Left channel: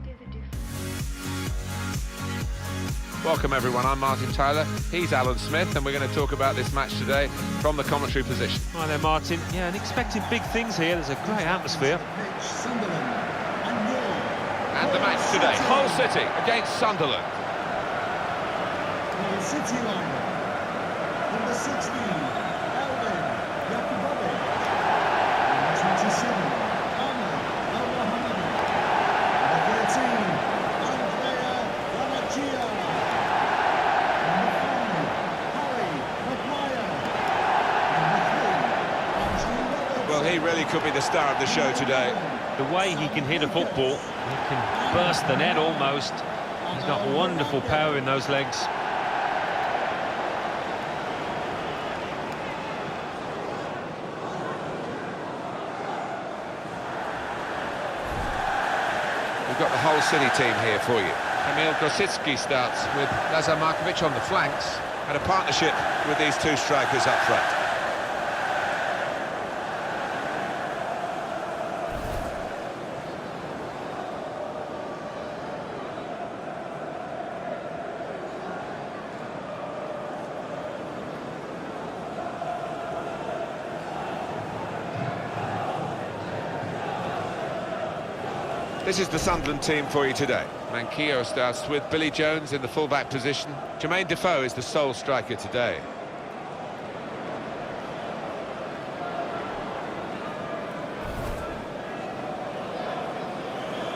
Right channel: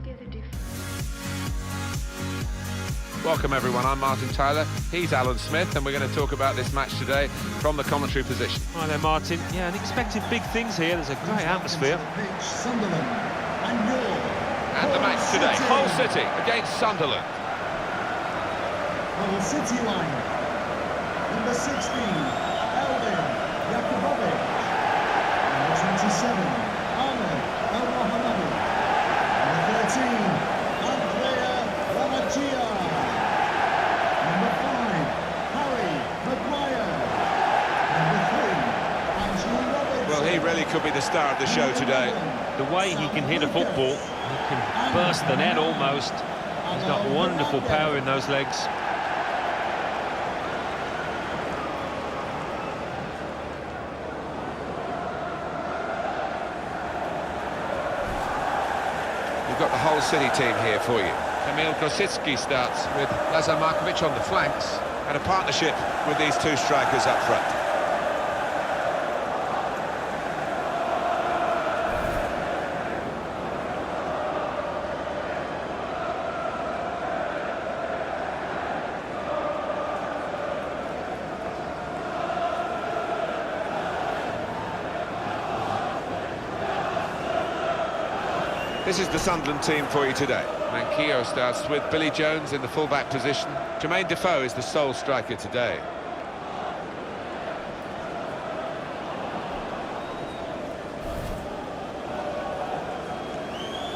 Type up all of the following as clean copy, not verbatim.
altogether different. Welcome everyone, I'm Martin Tyler, he's Alan Smith, and we're going to talk about this match today from the commentary position. Hi there Martin, yeah, and expecting big things here, there's a great atmosphere. Sunderland And the match today, Hull City against Sunderland. Hull City lineup. Number 16, Albion, Yakubovic. Number 27, Ahmed El-Mohammadi. Number 13, Andrea Ranachia. Number 5, Harry Maguire. Number 3, Andrew Robertson. Well, he really could be the star of the show today. The way he can hit a football, he can burst the net almost. He's got wonderful power in those legs. We've got the Hull City team here for you. Kamil Grosicki starts with Lazar Markovic on the flanks. And a partnership with these two strikers up front. This is the Sunderland team for you today. Manquillo starts with Billy Jones in the full-back position. Jermaine Defoe is the sole striker today.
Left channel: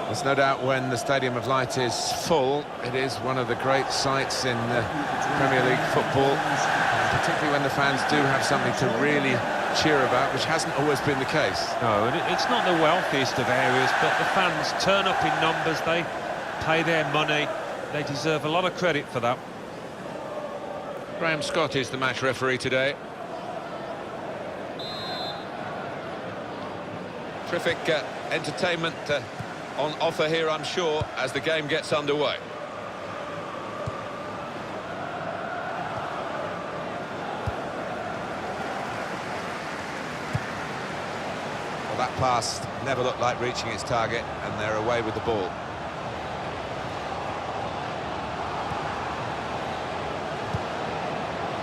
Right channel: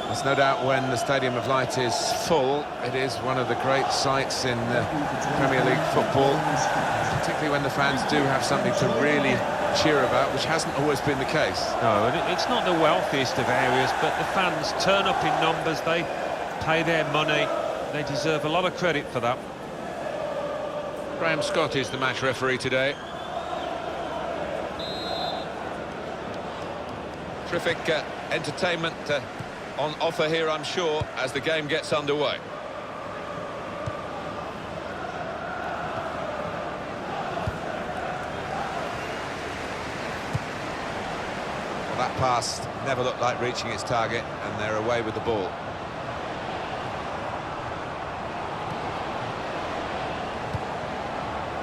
There's no doubt when the Stadium of Light is full, it is one of the great sights in Premier League football, and particularly when the fans do have something to really cheer about, which hasn't always been the case. No, and it's not the wealthiest of areas, but the fans turn up in numbers, they pay their money, they deserve a lot of credit for that. Graham Scott is the match referee today. Terrific entertainment on offer here, I'm sure, as the game gets underway. Well, that pass never looked like reaching its target, and they're away with the ball.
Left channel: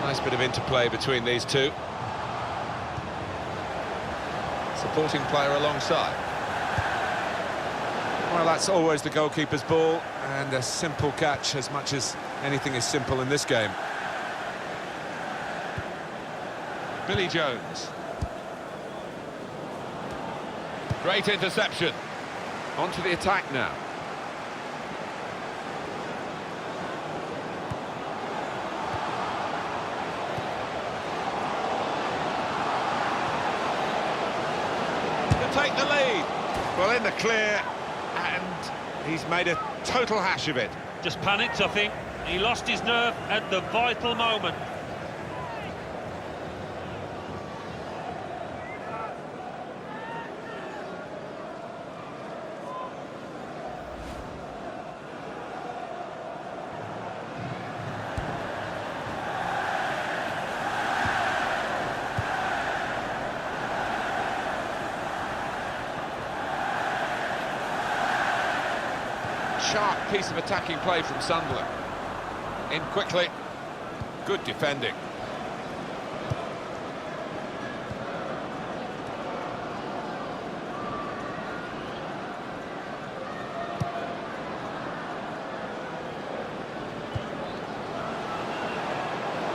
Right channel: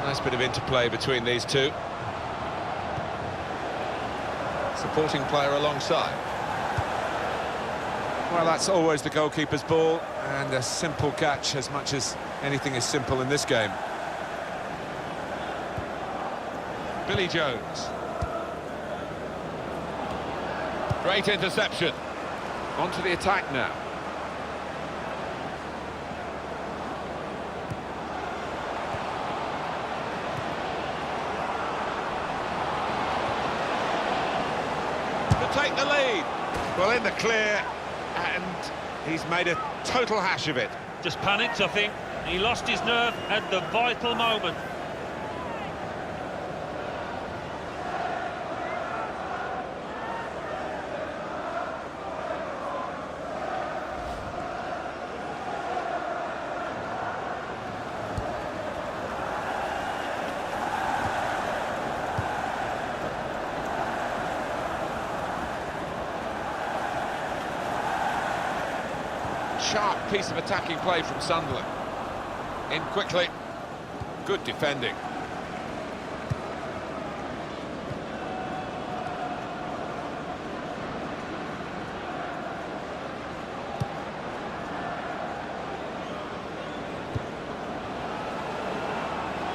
Nice bit of interplay between these two. Supporting player alongside. Well, that's always the goalkeeper's ball, and a simple catch, as much as anything is simple in this game. Billy Jones. Great interception. On to the attack now. To take the lead. Well, in the clear, and he's made a total hash of it. Just panicked, I think. He lost his nerve at the vital moment. Sharp piece of attacking play from Sunderland. In quickly. Good defending.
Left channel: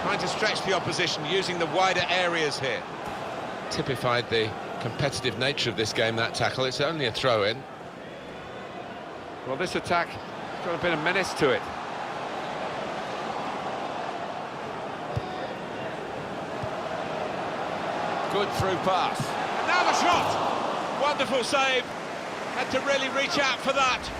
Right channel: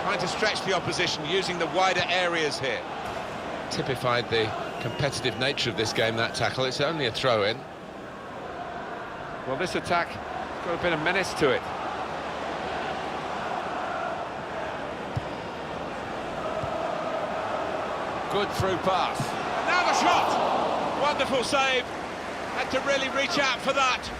Trying to stretch the opposition, using the wider areas here. Typified the competitive nature of this game, that tackle. It's only a throw-in. Well, this attack has got a bit of menace to it. Good through pass. And now the shot! Wonderful save. Had to really reach out for that.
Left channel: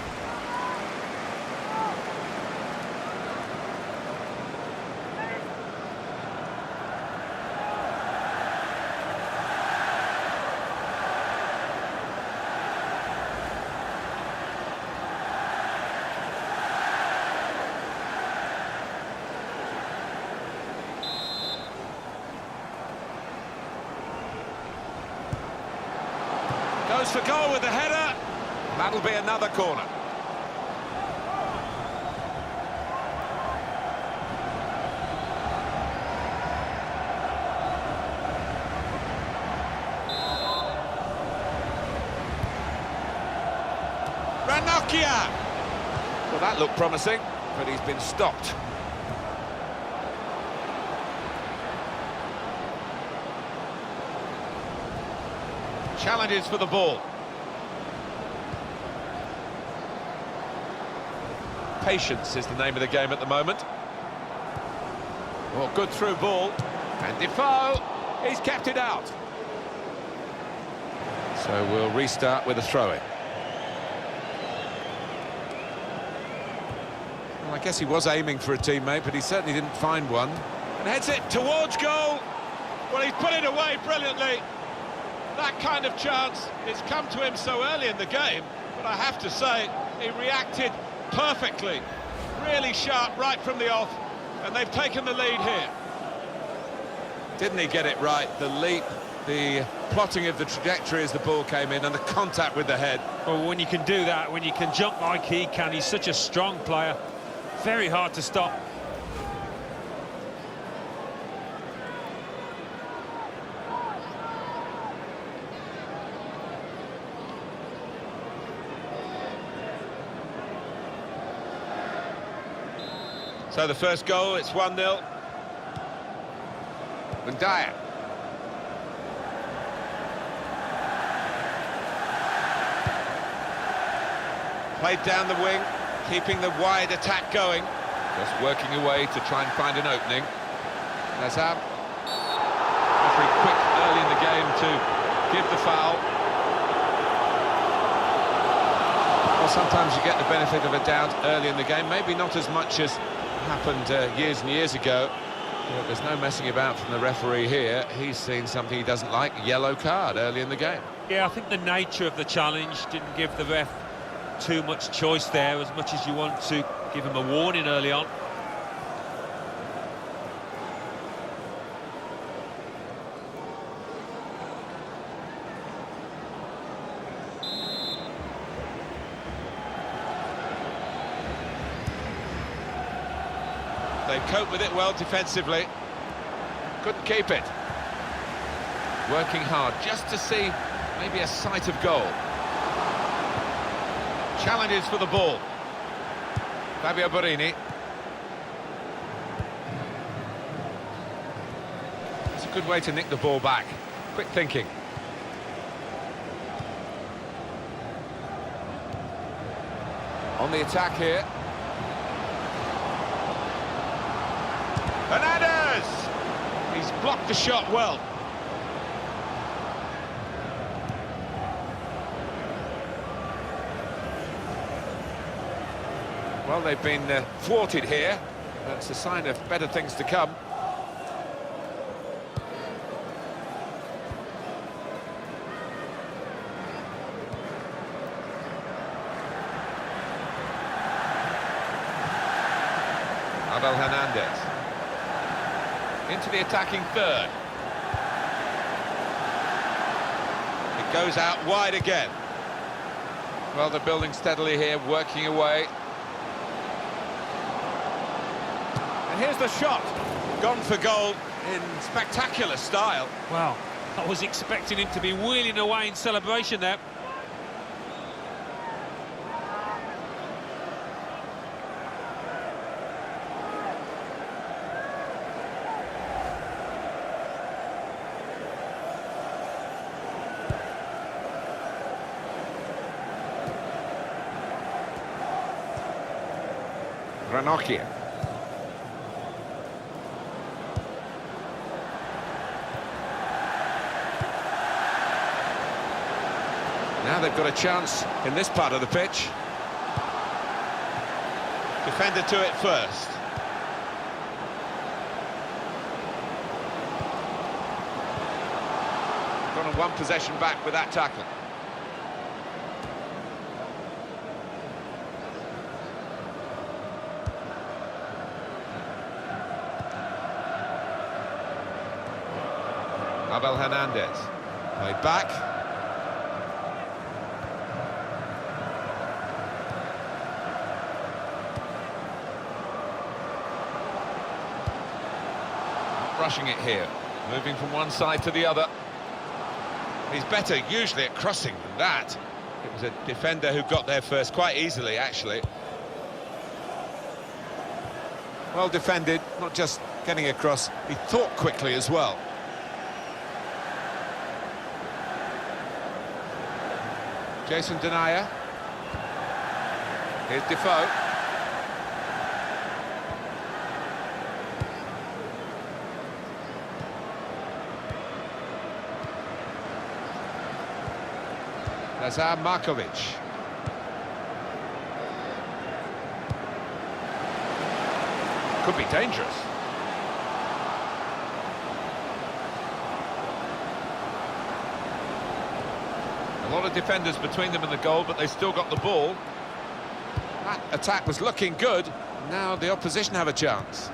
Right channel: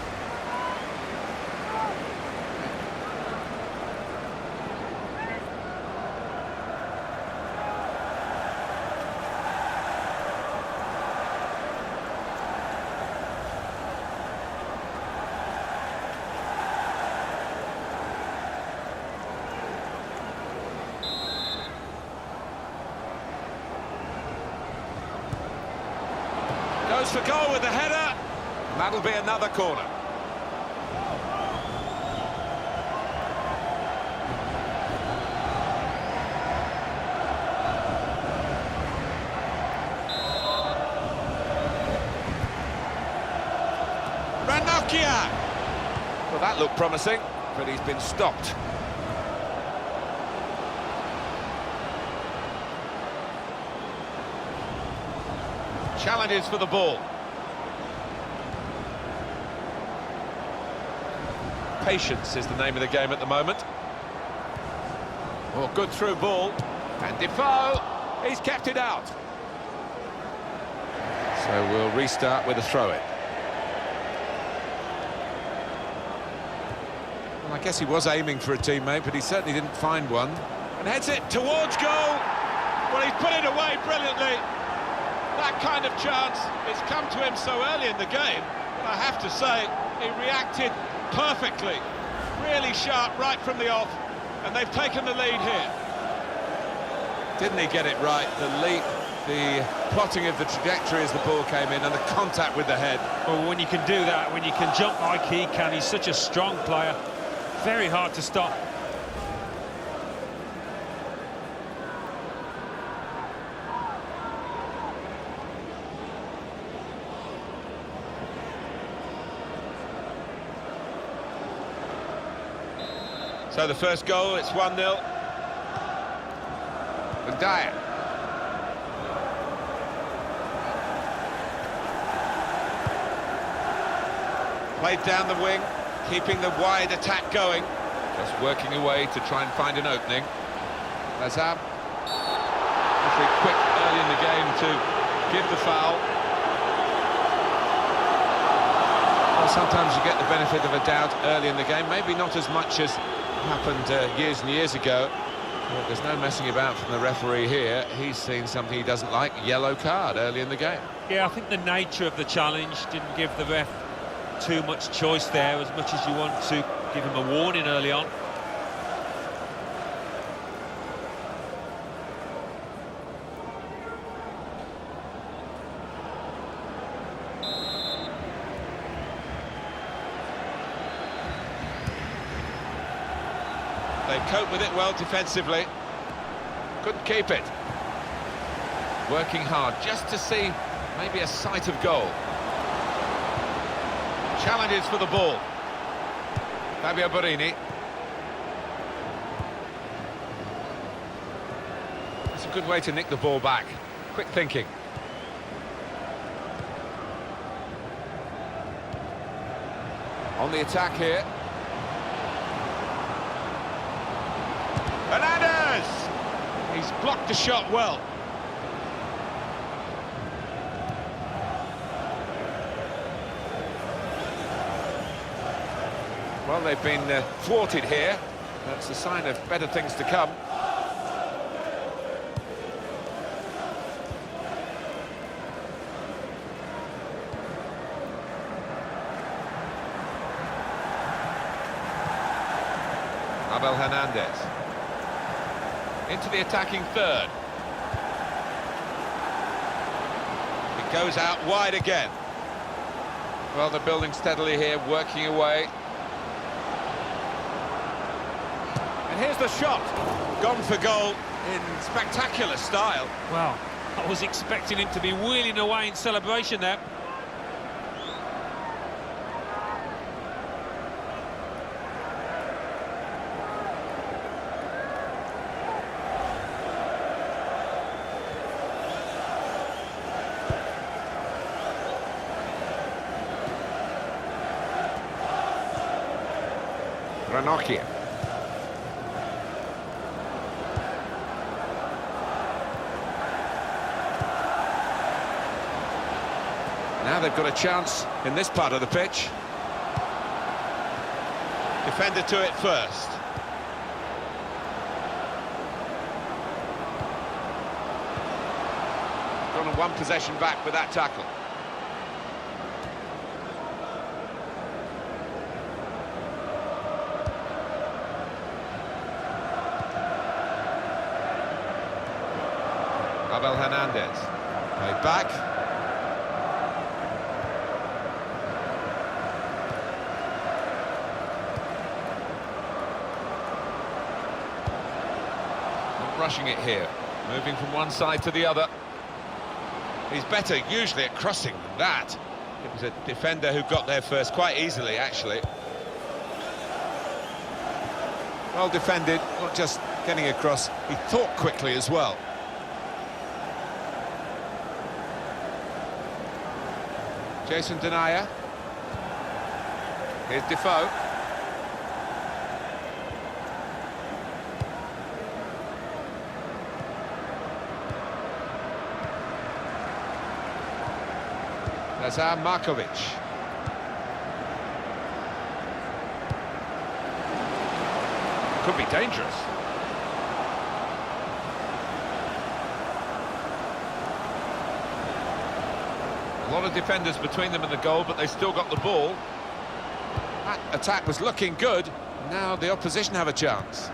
Goes for goal with the header. And that'll be another corner. Ranocchia! Well, that looked promising, but he's been stopped. Challenges for the ball. Patience is the name of the game at the moment. Oh, good through ball. And Defoe, he's kept it out. So we'll restart with a throw-in. Well, I guess he was aiming for a teammate, but he certainly didn't find one. And heads it towards goal. Well, he's put it away brilliantly. That kind of chance, it's come to him so early in the game, but I have to say, he reacted perfectly. Really sharp right from the off, and they've taken the lead here. Didn't he get it right? The leap, the plotting of the trajectory as the ball came in, and the contact with the head. Well, when you can do that, when you can jump like he can, he's such a strong player. Very hard to stop. So the first goal, it's 1-0. And Dyer. Played down the wing, keeping the wide attack going. Just working away to try and find an opening. Lazab. Referee quick early in the game to give the foul. Well, sometimes you get the benefit of a doubt early in the game. Maybe not as much as happened years and years ago. But there's no messing about from the referee here. He's seen something he doesn't like, yellow card early in the game. Yeah, I think the nature of the challenge didn't give the ref too much choice there, as much as you want to give him a warning early on. They cope with it well defensively. Couldn't keep it. Working hard just to see maybe a sight of goal. Challenges for the ball. Fabio Borini. That's a good way to nick the ball back. Quick thinking. On the attack here. Hernandez! He's blocked the shot well. Well, they've been thwarted here. That's a sign of better things to come. Abel Hernandez. Into the attacking third. It goes out wide again. Well, they're building steadily here, working away. And here's the shot. Gone for goal in spectacular style. Well, I was expecting him to be wheeling away in celebration there. Ranocchia. Now they've got a chance in this part of the pitch. Defender to it first. Gone on one possession back with that tackle. Abel Hernandez. Played back. Not rushing it here. Moving from one side to the other. He's better usually at crossing than that. It was a defender who got there first, quite easily, actually. Well defended, not just getting across, he thought quickly as well. Jason Denayer. Here's Defoe. Lazar Markovic. Could be dangerous. A lot of defenders between them and the goal, but they still got the ball. That attack was looking good. Now the opposition have a chance.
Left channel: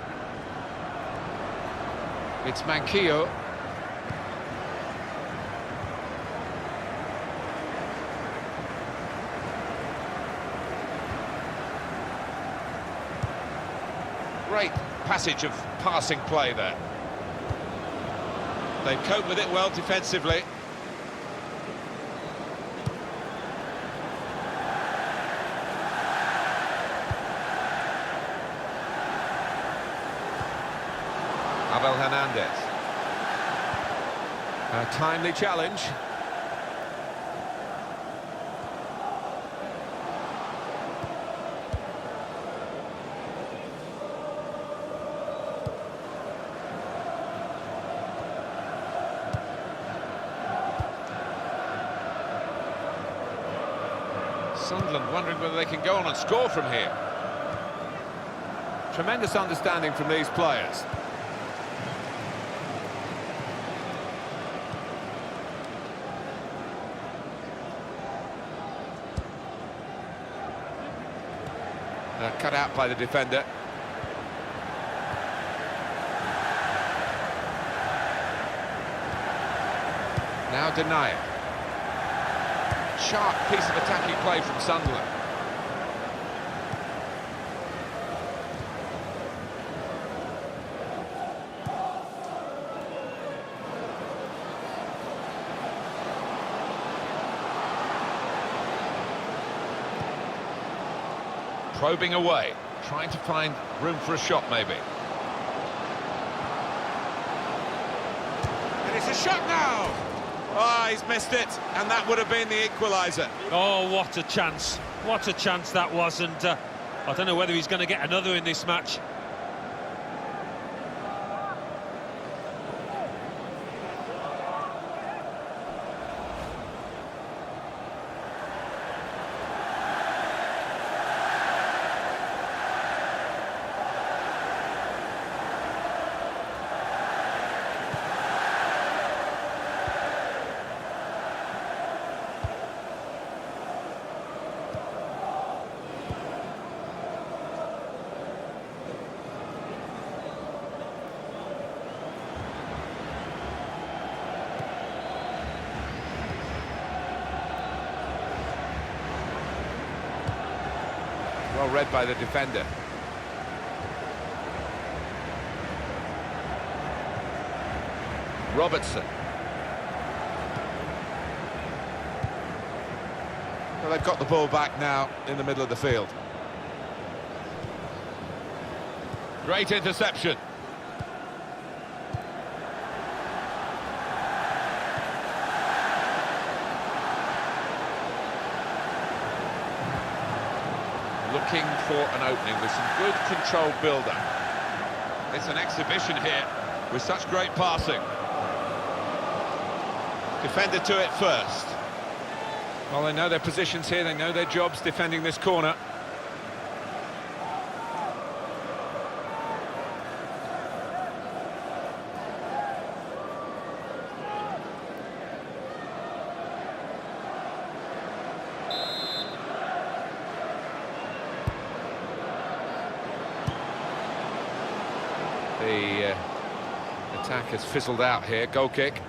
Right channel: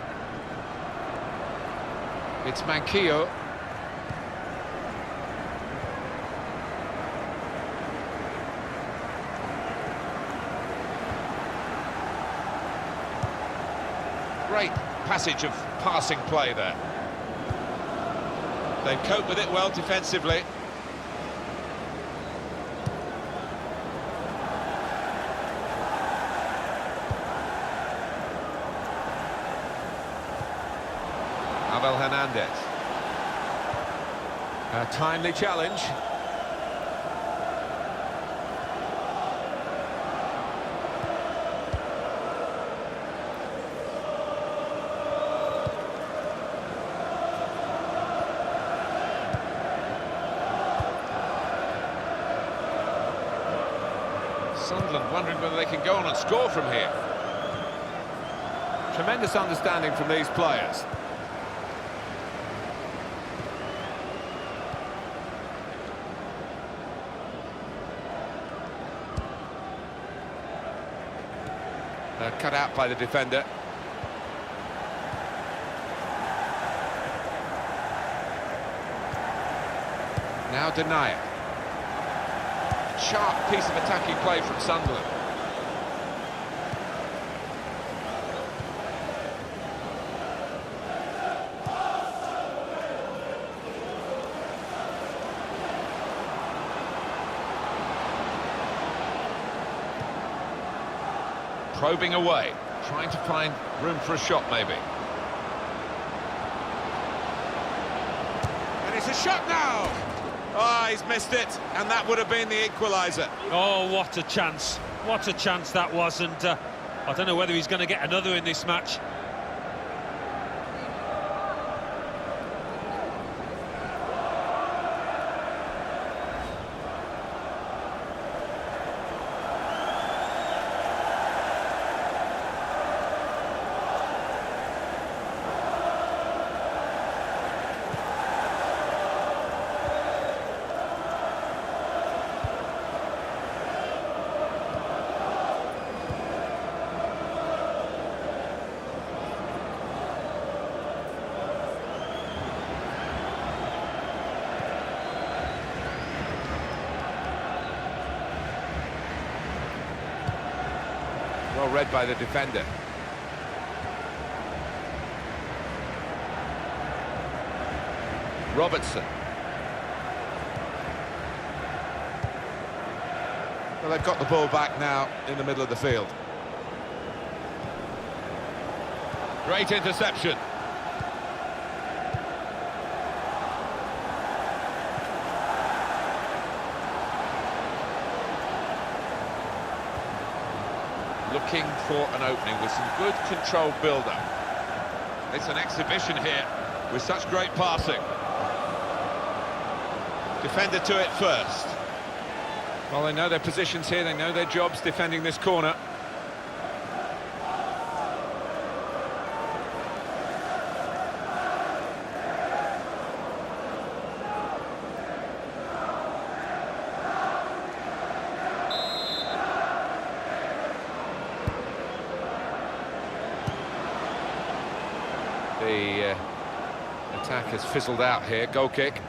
It's Manquillo. Great passage of passing play there. They cope with it well defensively. Abel Hernandez. A timely challenge. Sunderland wondering whether they can go on and score from here. Tremendous understanding from these players. Cut out by the defender. Now Denayer. Sharp piece of attacking play from Sunderland. Probing away, trying to find room for a shot maybe. And it's a shot now! Oh, he's missed it, and that would have been the equaliser. Oh, what a chance. What a chance that was, and I don't know whether he's going to get another in this match. Well read by the defender. Robertson. Well, they've got the ball back now in the middle of the field. Great interception. Looking for an opening with some good controlled build-up. It's an exhibition here with such great passing. Defender to it first. Well, they know their positions here, they know their jobs defending this corner. The attack has fizzled out here. Goal kick.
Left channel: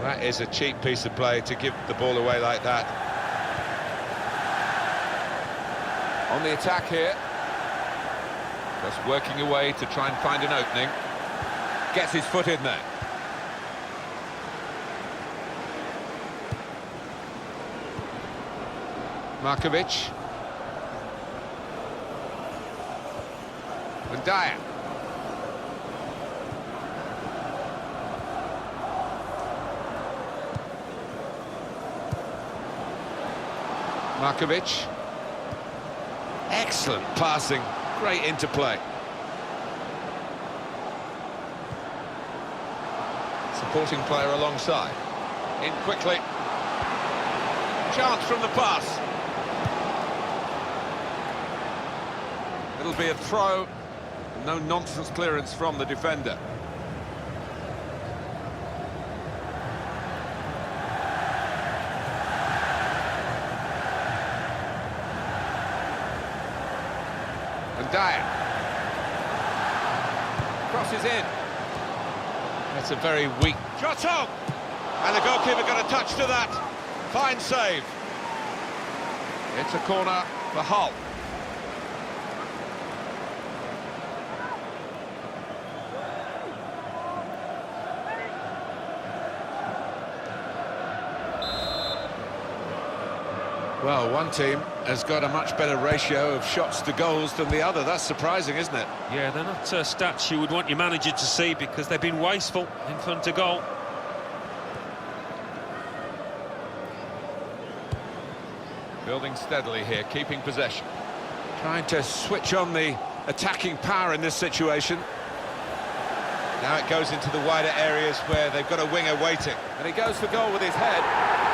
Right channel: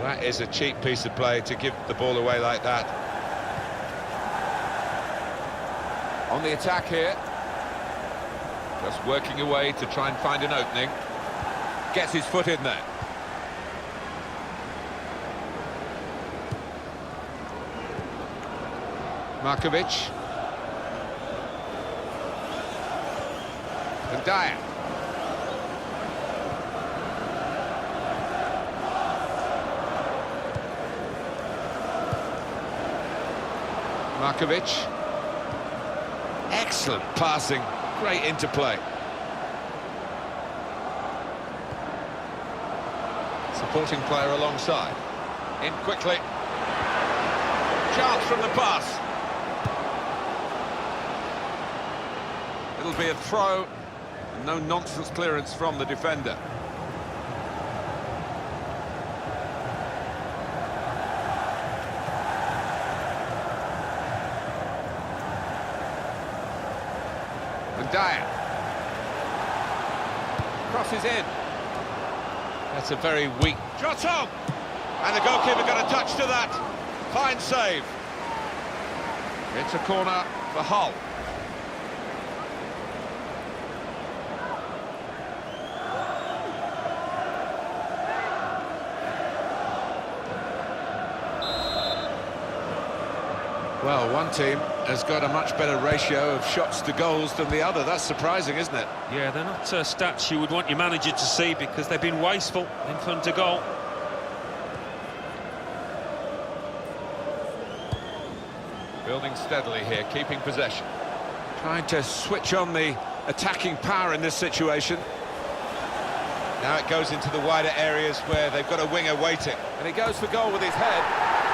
Well, that is a cheap piece of play to give the ball away like that. On the attack here. Just working away to try and find an opening. Gets his foot in there. Markovic. And Dyer. Markovic. Excellent passing, great interplay. Supporting player alongside. In quickly. Chance from the pass. It'll be a throw, and no nonsense clearance from the defender. And Dyer. Crosses in. That's a very weak... Shot on! And the goalkeeper got a touch to that. Fine save. It's a corner for Hull. Well, one team has got a much better ratio of shots to goals than the other. That's surprising, isn't it? Yeah, they're not stats you would want your manager to see because they've been wasteful in front of goal. Building steadily here, keeping possession. Trying to switch on the attacking power in this situation. Now it goes into the wider areas where they've got a winger waiting. And he goes for goal with his head.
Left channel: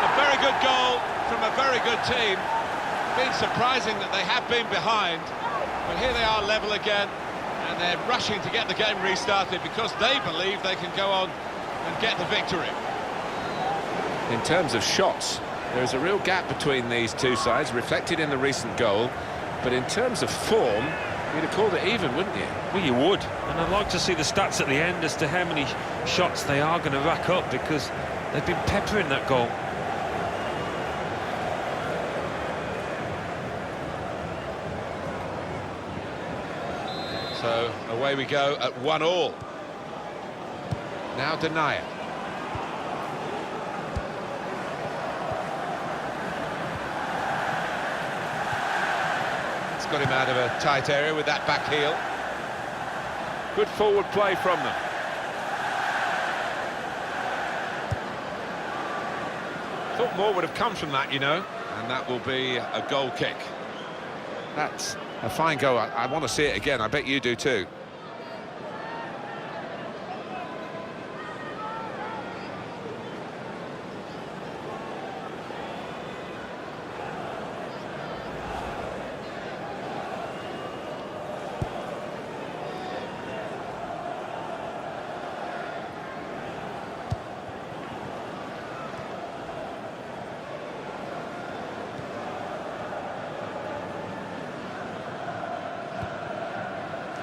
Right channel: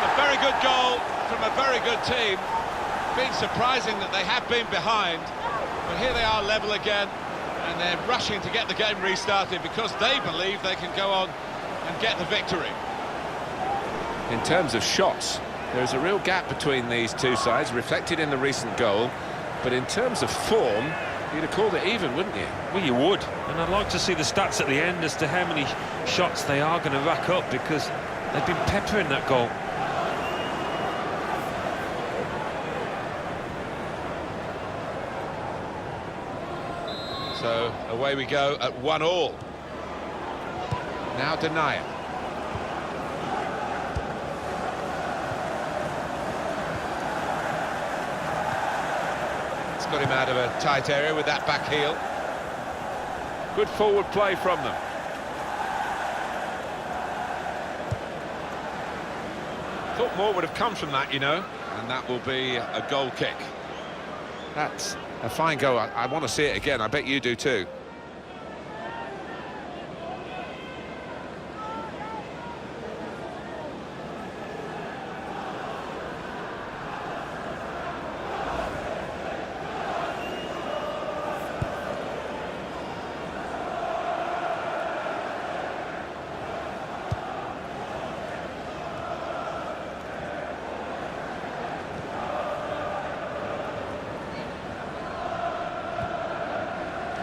A very good goal from a very good team. Been surprising that they have been behind, but here they are level again, and they're rushing to get the game restarted because they believe they can go on and get the victory. In terms of shots, there is a real gap between these two sides, reflected in the recent goal, but in terms of form, you'd have called it even, wouldn't you? Well, you would, and I'd like to see the stats at the end as to how many shots they are going to rack up because they've been peppering that goal. So away we go at 1-1. Now Denier. It's got him out of a tight area with that back heel. Good forward play from them. Thought more would have come from that, you know. And that will be a goal kick. That's a fine goal. I want to see it again. I bet you do too.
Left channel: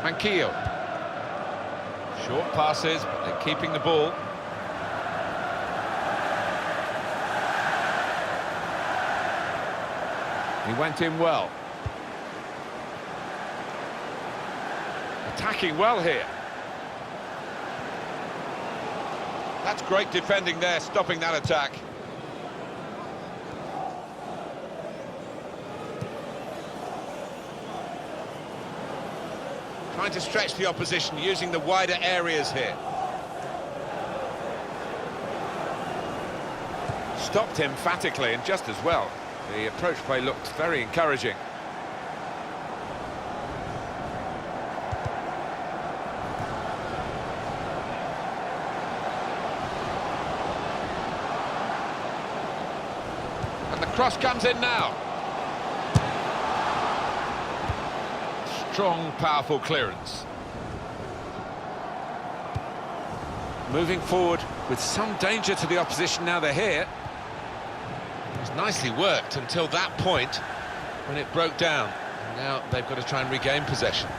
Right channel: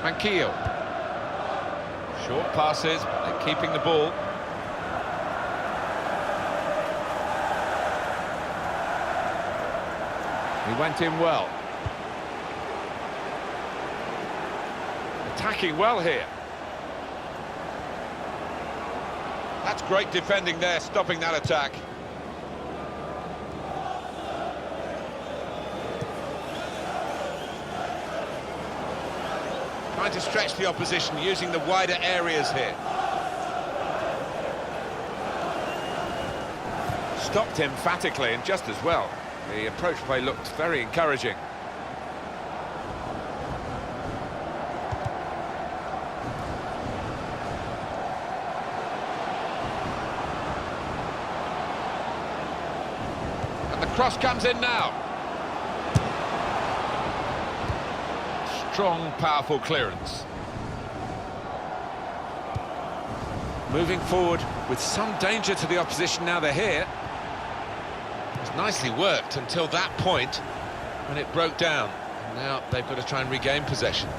Manquillo. Short passes, but they're keeping the ball. He went in well. Attacking well here. That's great defending there, stopping that attack. Trying to stretch the opposition, using the wider areas here. Stopped emphatically and just as well. The approach play looked very encouraging. And the cross comes in now. Strong, powerful clearance. Moving forward with some danger to the opposition now they're here. It was nicely worked until that point when it broke down. And now they've got to try and regain possession.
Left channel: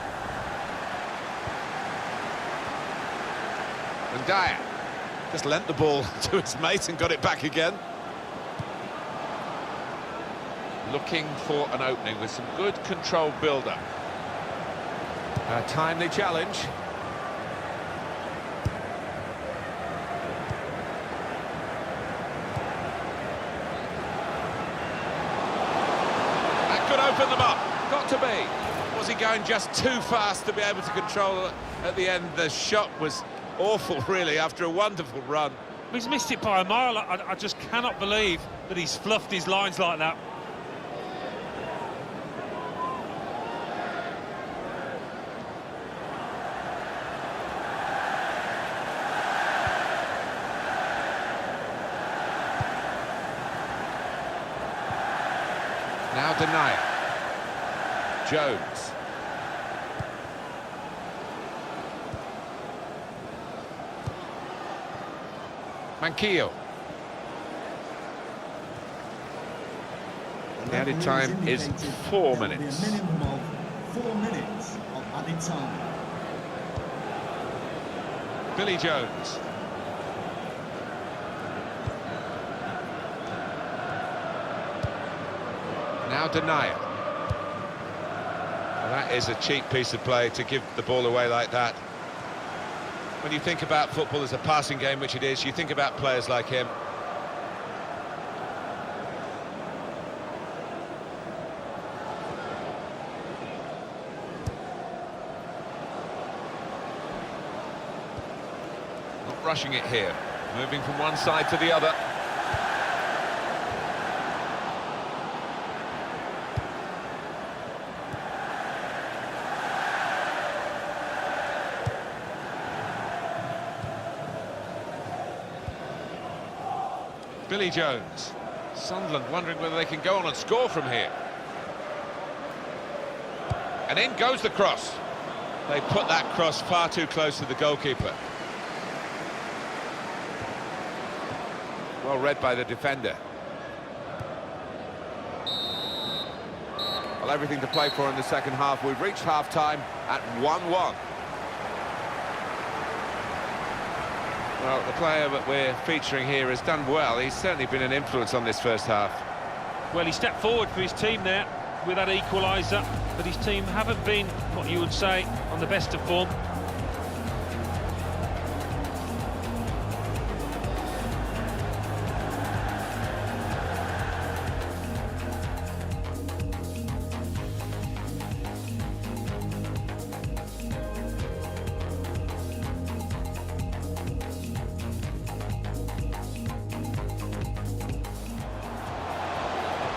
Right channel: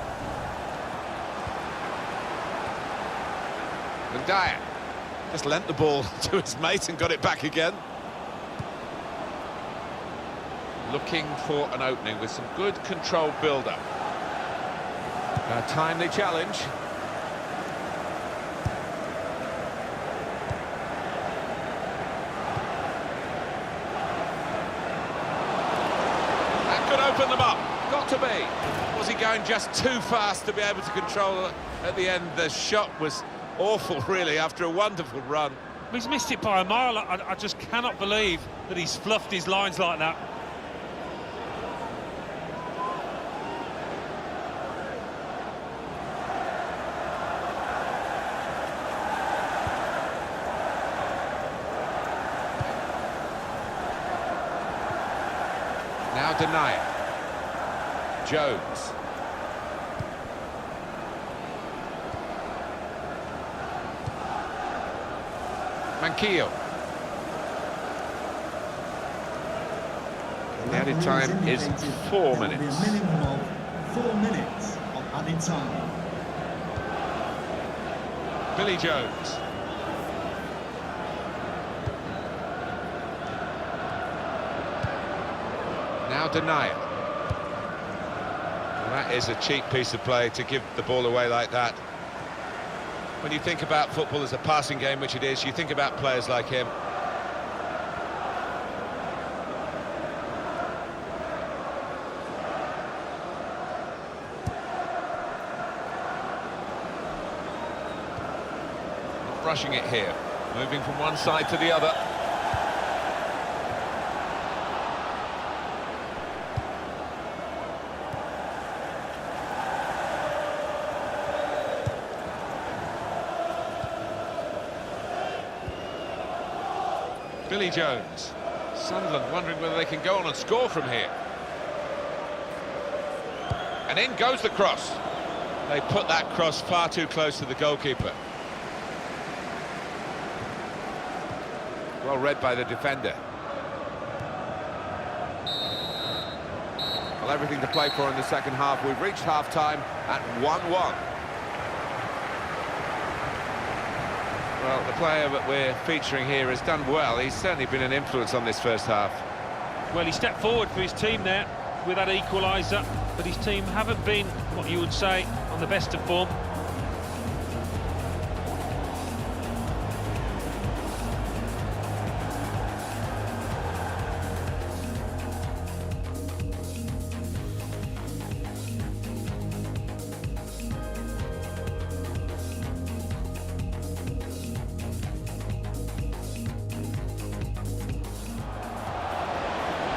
And Dyer. Just lent the ball to his mate and got it back again. Looking for an opening with some good controlled build-up. A timely challenge. That could open them up. Got to be. Was he going just too fast to be able to control it at the end? The shot was awful, really, after a wonderful run. He's missed it by a mile. I just cannot believe that he's fluffed his lines like that. Now Denier. Jones. Manquillo. The added time is 4 minutes. A minimum of 4 minutes of added time. Billy Jones. Now Denier. Well, that is a cheap piece of play to give the ball away like that. When you think about football as a passing game, which it is, you think about players like him. Not rushing it here, moving from one side to the other. Billy Jones. Sunderland wondering whether they can go on and score from here. And in goes the cross. They put that cross far too close to the goalkeeper. Well read by the defender. Well, everything to play for in the second half. We've reached half-time at 1-1. Well, the player that we're featuring here has done well. He's certainly been an influence on this first half. Well, he stepped forward for his team there with that equaliser, but his team haven't been, what you would say, on the best of form.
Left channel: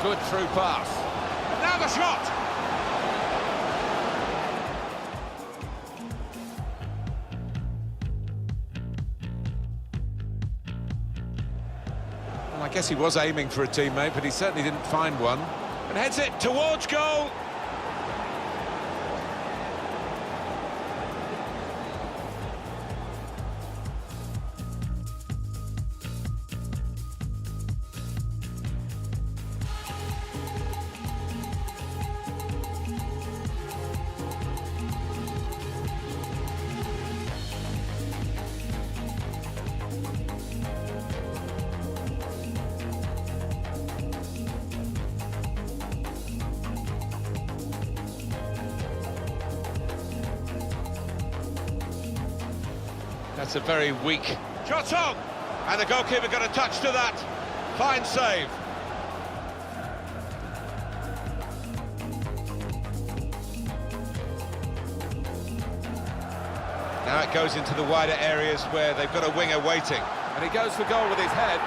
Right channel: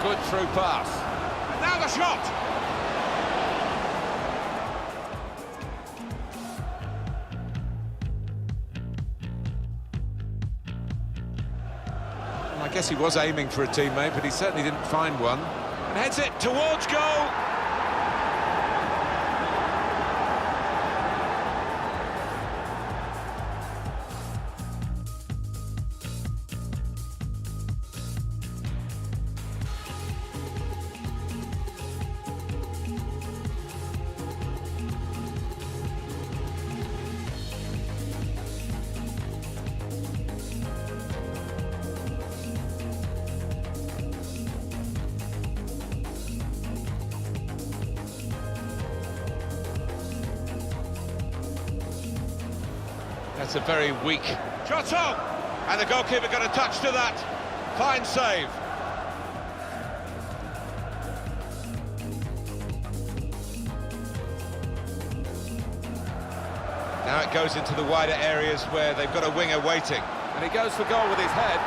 Good through pass. And now the shot! Well, I guess he was aiming for a teammate, but he certainly didn't find one. And heads it towards goal! That's a very weak shot on, and the goalkeeper got a touch to that. Fine save. Now it goes into the wider areas where they've got a winger waiting, and he goes for goal with his head.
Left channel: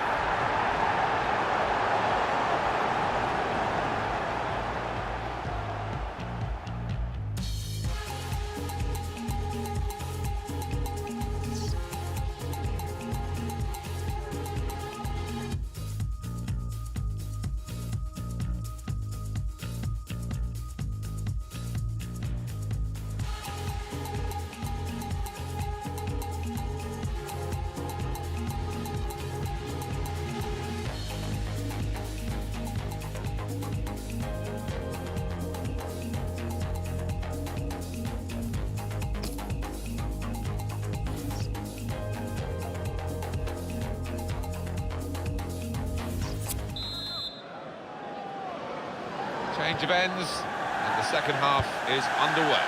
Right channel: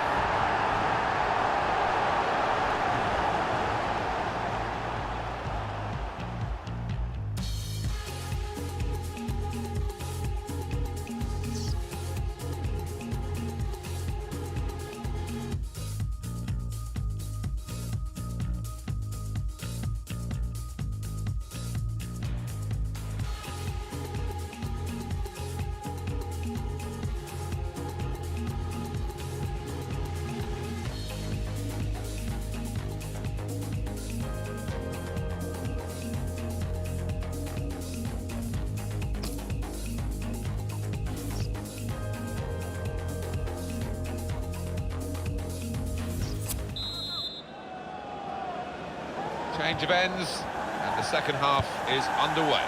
Change of ends, and the second half is underway.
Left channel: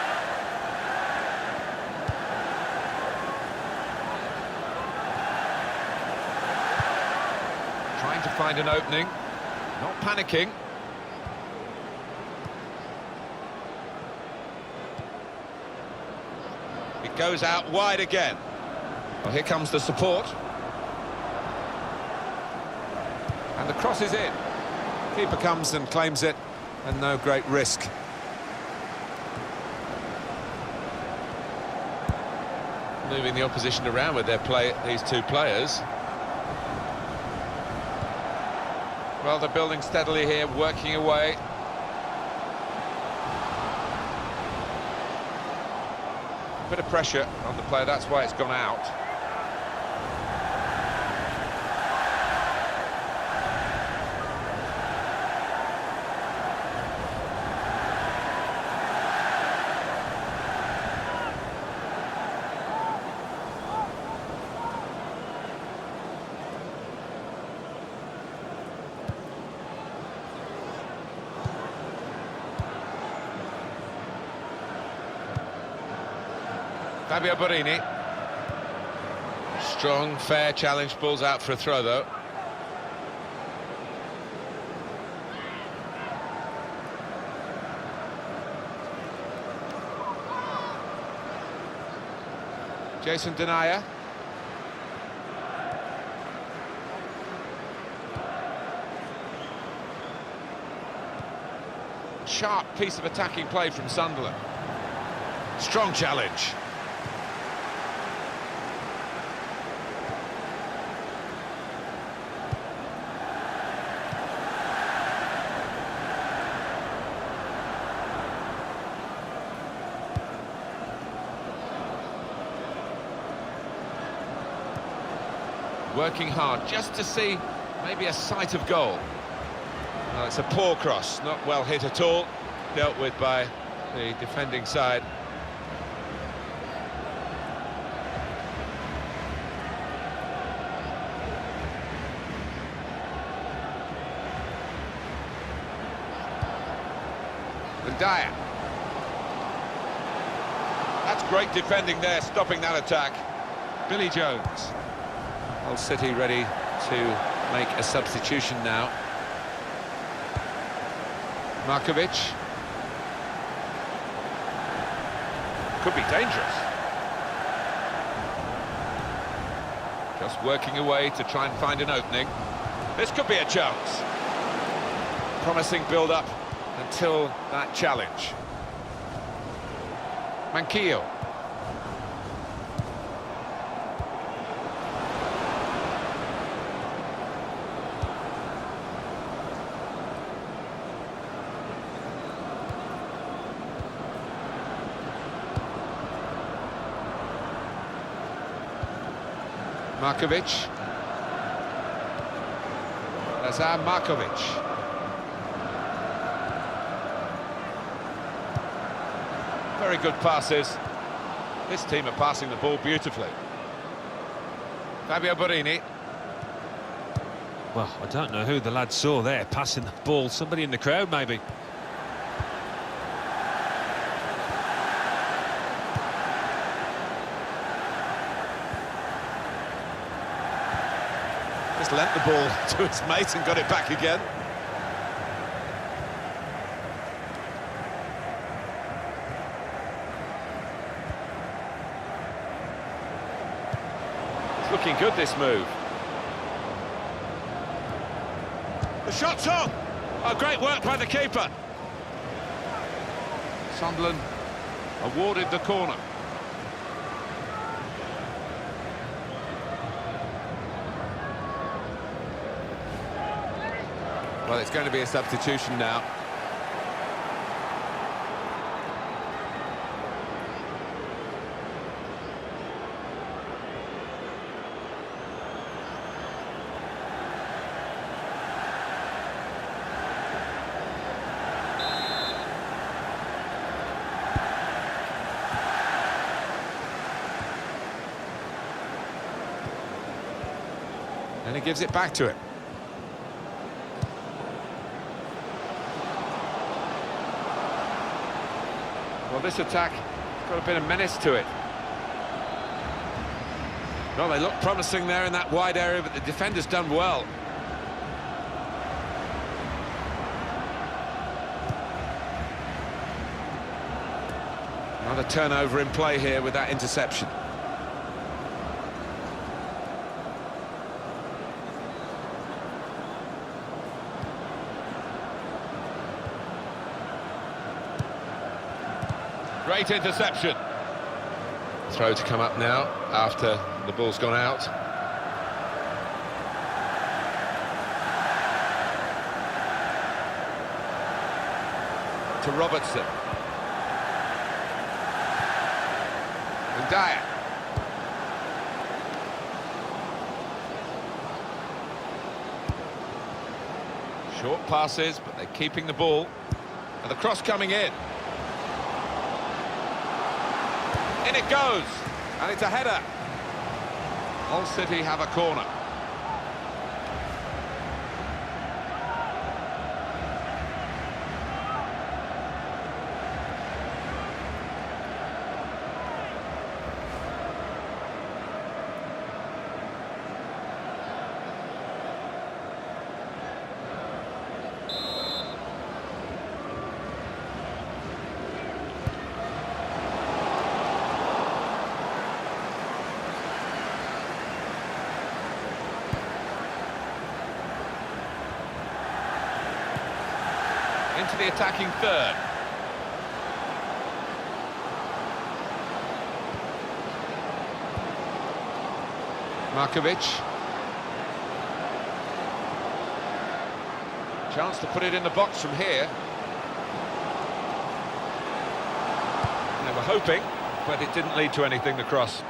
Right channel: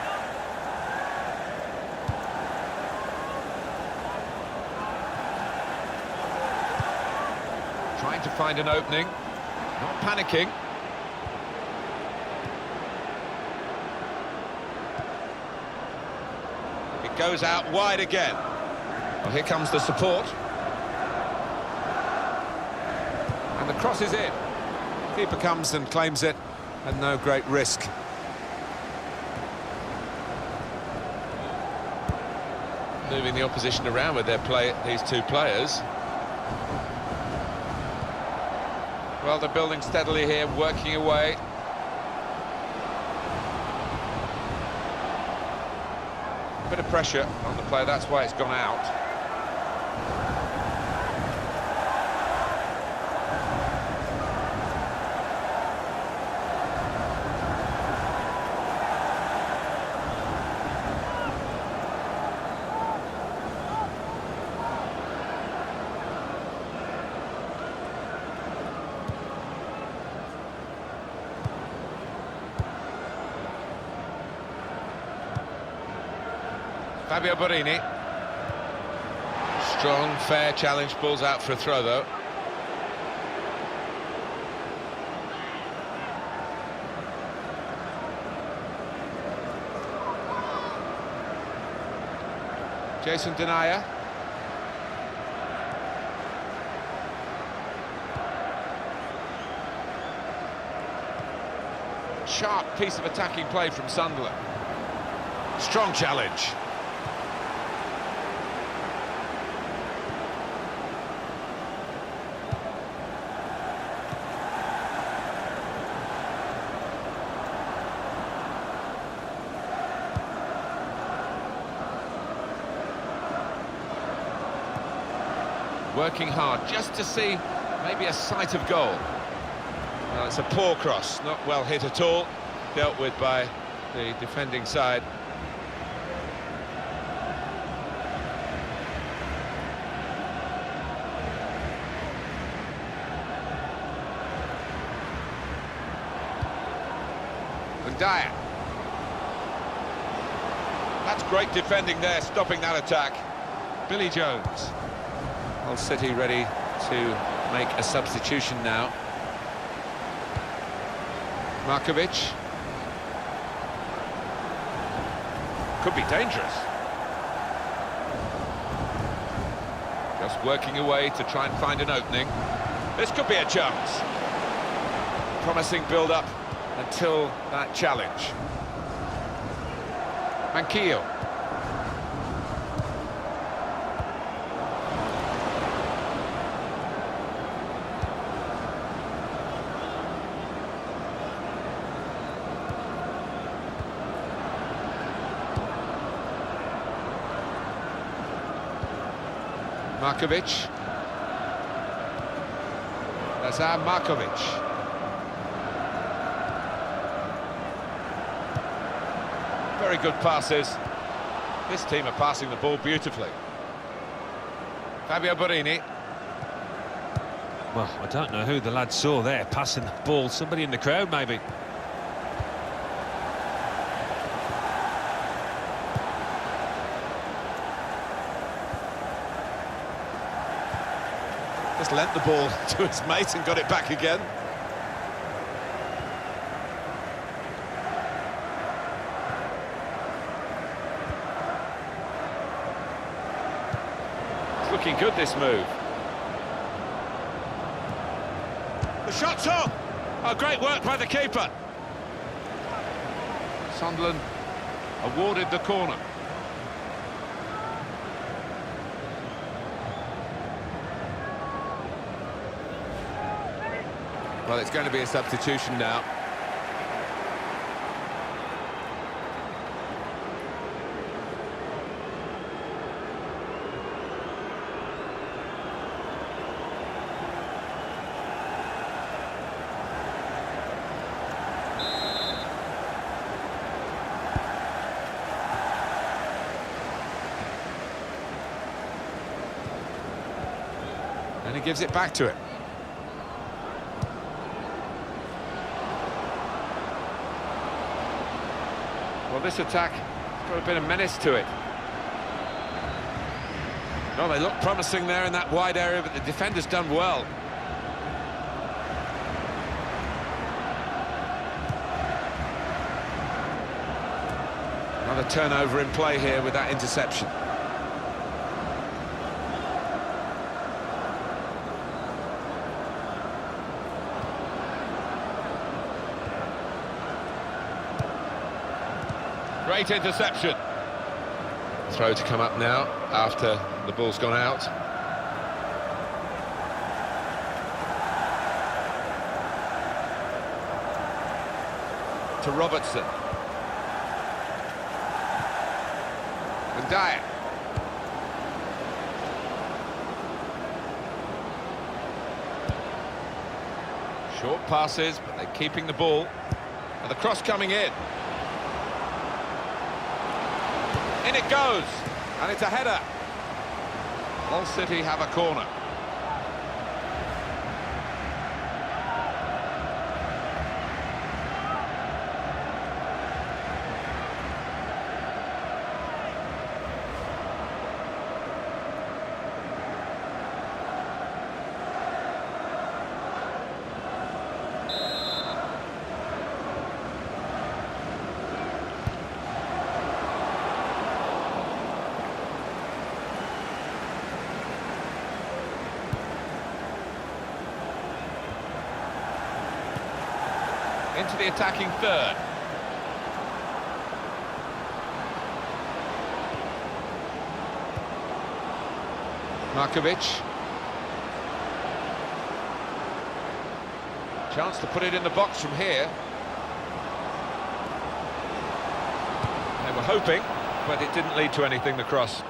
Trying to find an opening, not panicking. It goes out wide again. Well, here comes the support. And the cross is in. Keeper comes and claims it, and no great risk. Moving the opposition around with these two players. Well, they're building steadily here, working away. Bit of pressure on the player, that's why it's gone out. Fabio Borini. Strong, fair challenge, balls out for a throw though. Jason Denayer. Sharp piece of attacking play from Sunderland. Strong challenge. Working hard just to see maybe a sight of goal. Well, it's a poor cross, not well hit at all, dealt with by the defending side. And Dyer. That's great defending there, stopping that attack. Billy Jones. Hull City ready to make a substitution now. Markovic. Could be dangerous. Just working away to try and find an opening. This could be a chance. Promising build-up until that challenge. Manquillo. Markovic. Lazar Markovic. Very good passes. This team are passing the ball beautifully. Fabio Borini. Well, I don't know who the lad saw there passing the ball. Somebody in the crowd, maybe. Just lent the ball to his mate and got it back again. It's looking good, this move. The shot's on! Oh, great work by the keeper. Sunderland awarded the corner. Well, it's going to be a substitution now. And he gives it back to him. Well, this attack has got a bit of menace to it. Well, they look promising there in that wide area, but the defender's done well. Another turnover in play here with that interception. Great interception. Throw to come up now after the ball's gone out. To Robertson. And Dyer. Short passes, but they're keeping the ball. And the cross coming in. In it goes, and it's a header. Hull City have a corner. Into the attacking third. Markovic. Chance to put it in the box from here. They were hoping, but it didn't lead to anything, the cross.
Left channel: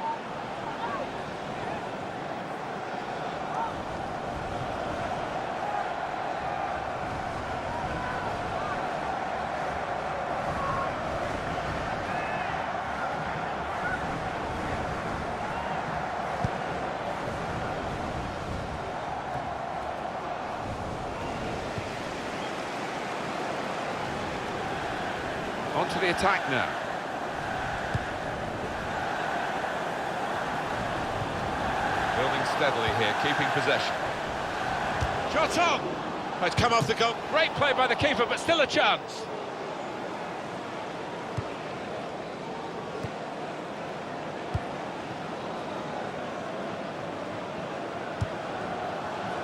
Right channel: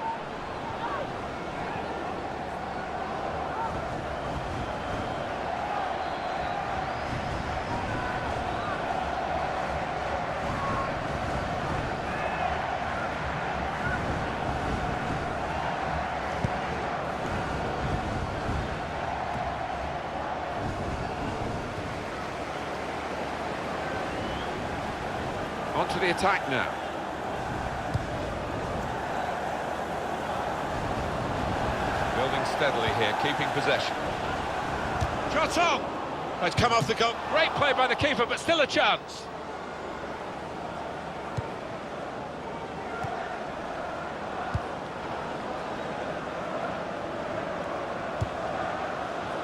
On to the attack now. Building steadily here, keeping possession. Shot on! Oh, it's come off the goal. Great play by the keeper, but still a chance.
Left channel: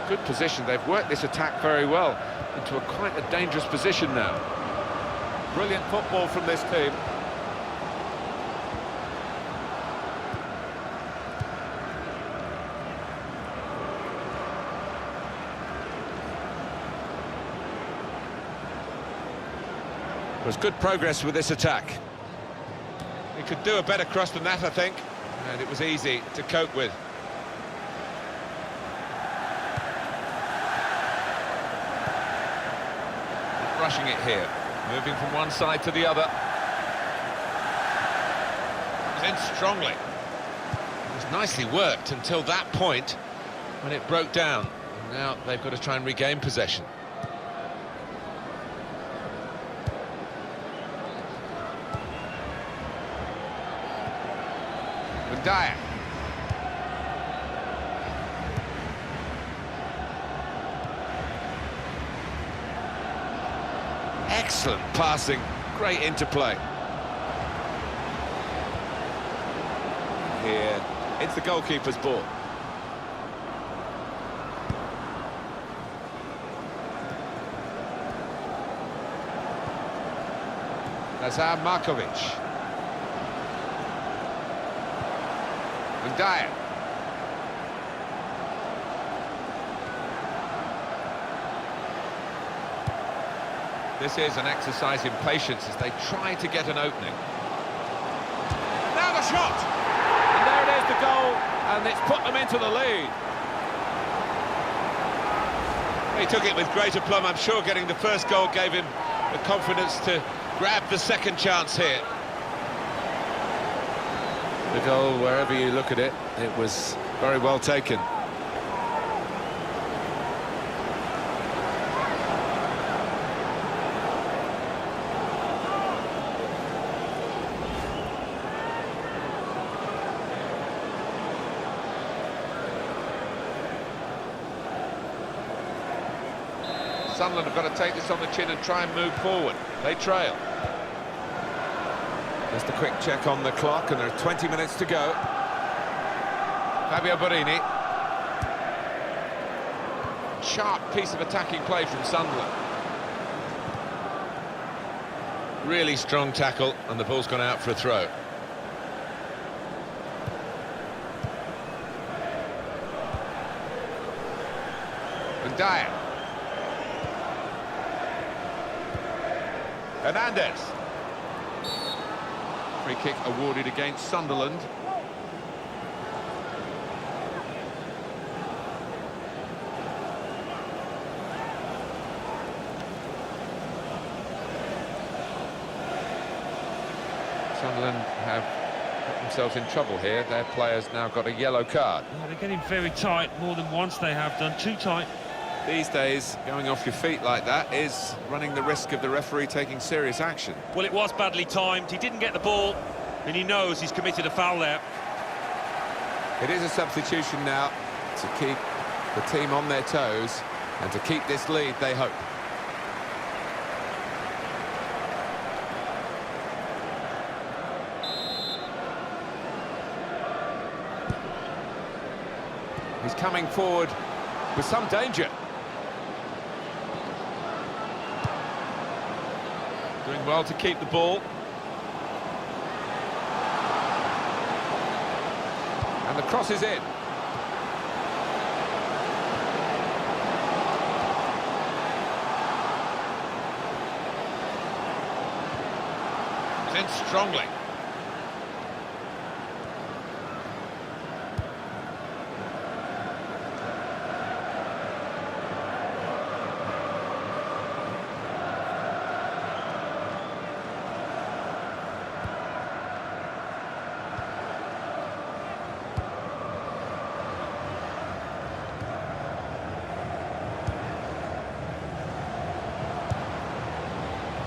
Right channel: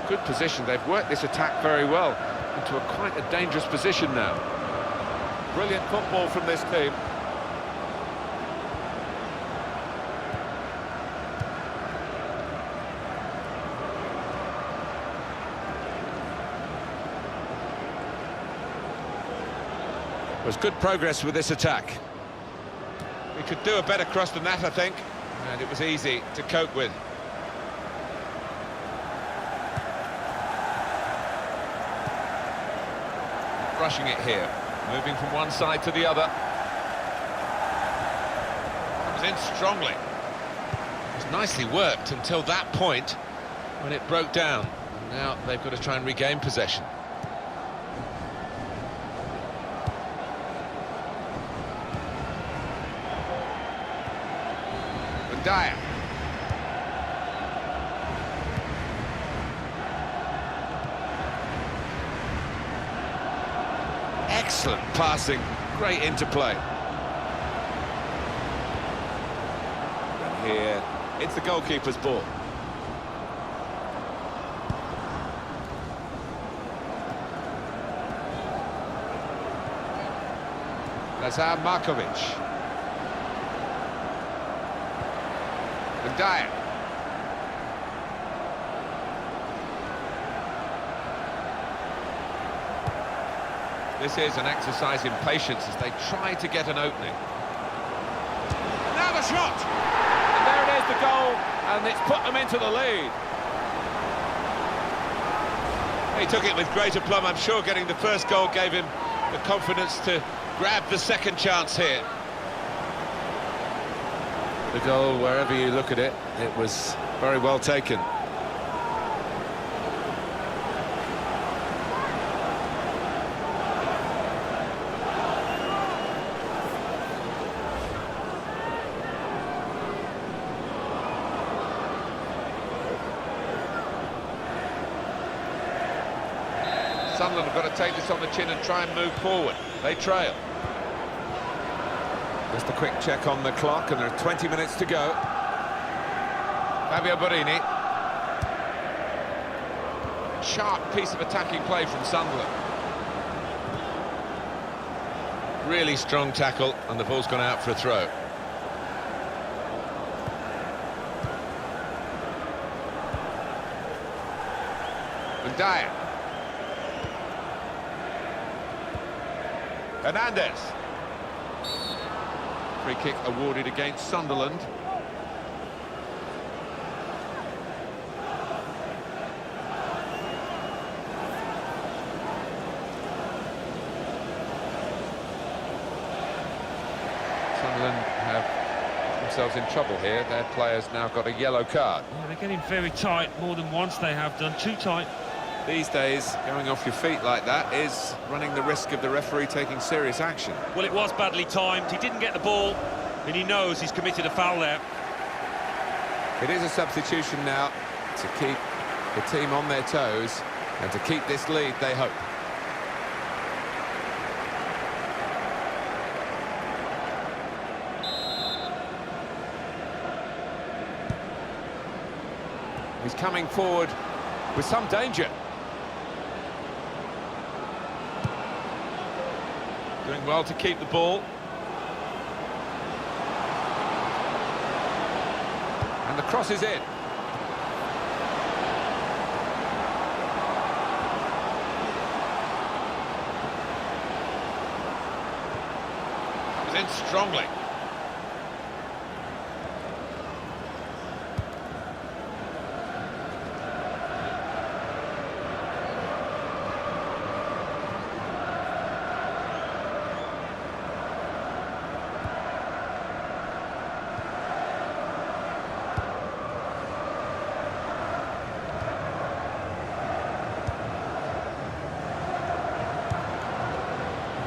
Good position. They've worked this attack very well into quite a dangerous position now. Brilliant football from this team. There's good progress with this attack. We could do a better cross than that, I think, and it was easy to cope with. Not rushing it here. Moving from one side to the other. Comes in strongly. It was nicely worked until that point when it broke down. And now they've got to try and regain possession. And Dyer. Excellent passing, great interplay. And here, it's the goalkeeper's ball. Lazar Markovic. And Dyer. This is an exercise in patience as they try to get an opening. And now the shot! And there it is, the goal, and it's put them into the lead. He took it with great aplomb. I'm sure getting the first goal gave him the confidence to grab the second chance here. The goal, wherever you look at it, it was very well taken. Sunderland have got to take this on the chin and try and move forward. They trail. Just a quick check on the clock, and there are 20 minutes to go. Fabio Borini. Sharp piece of attacking play from Sunderland. Really strong tackle, and the ball's gone out for a throw. And Dyer. Hernandez. Free kick awarded against Sunderland. Sunderland have got themselves in trouble here. Their players now got a yellow card. Yeah, they're getting very tight, more than once they have done, too tight. These days, going off your feet like that is running the risk of the referee taking serious action. Well, it was badly timed, he didn't get the ball, and he knows he's committed a foul there. It is a substitution now to keep the team on their toes and to keep this lead, they hope. He's coming forward with some danger. Doing well to keep the ball. And the cross is in. Comes in strongly.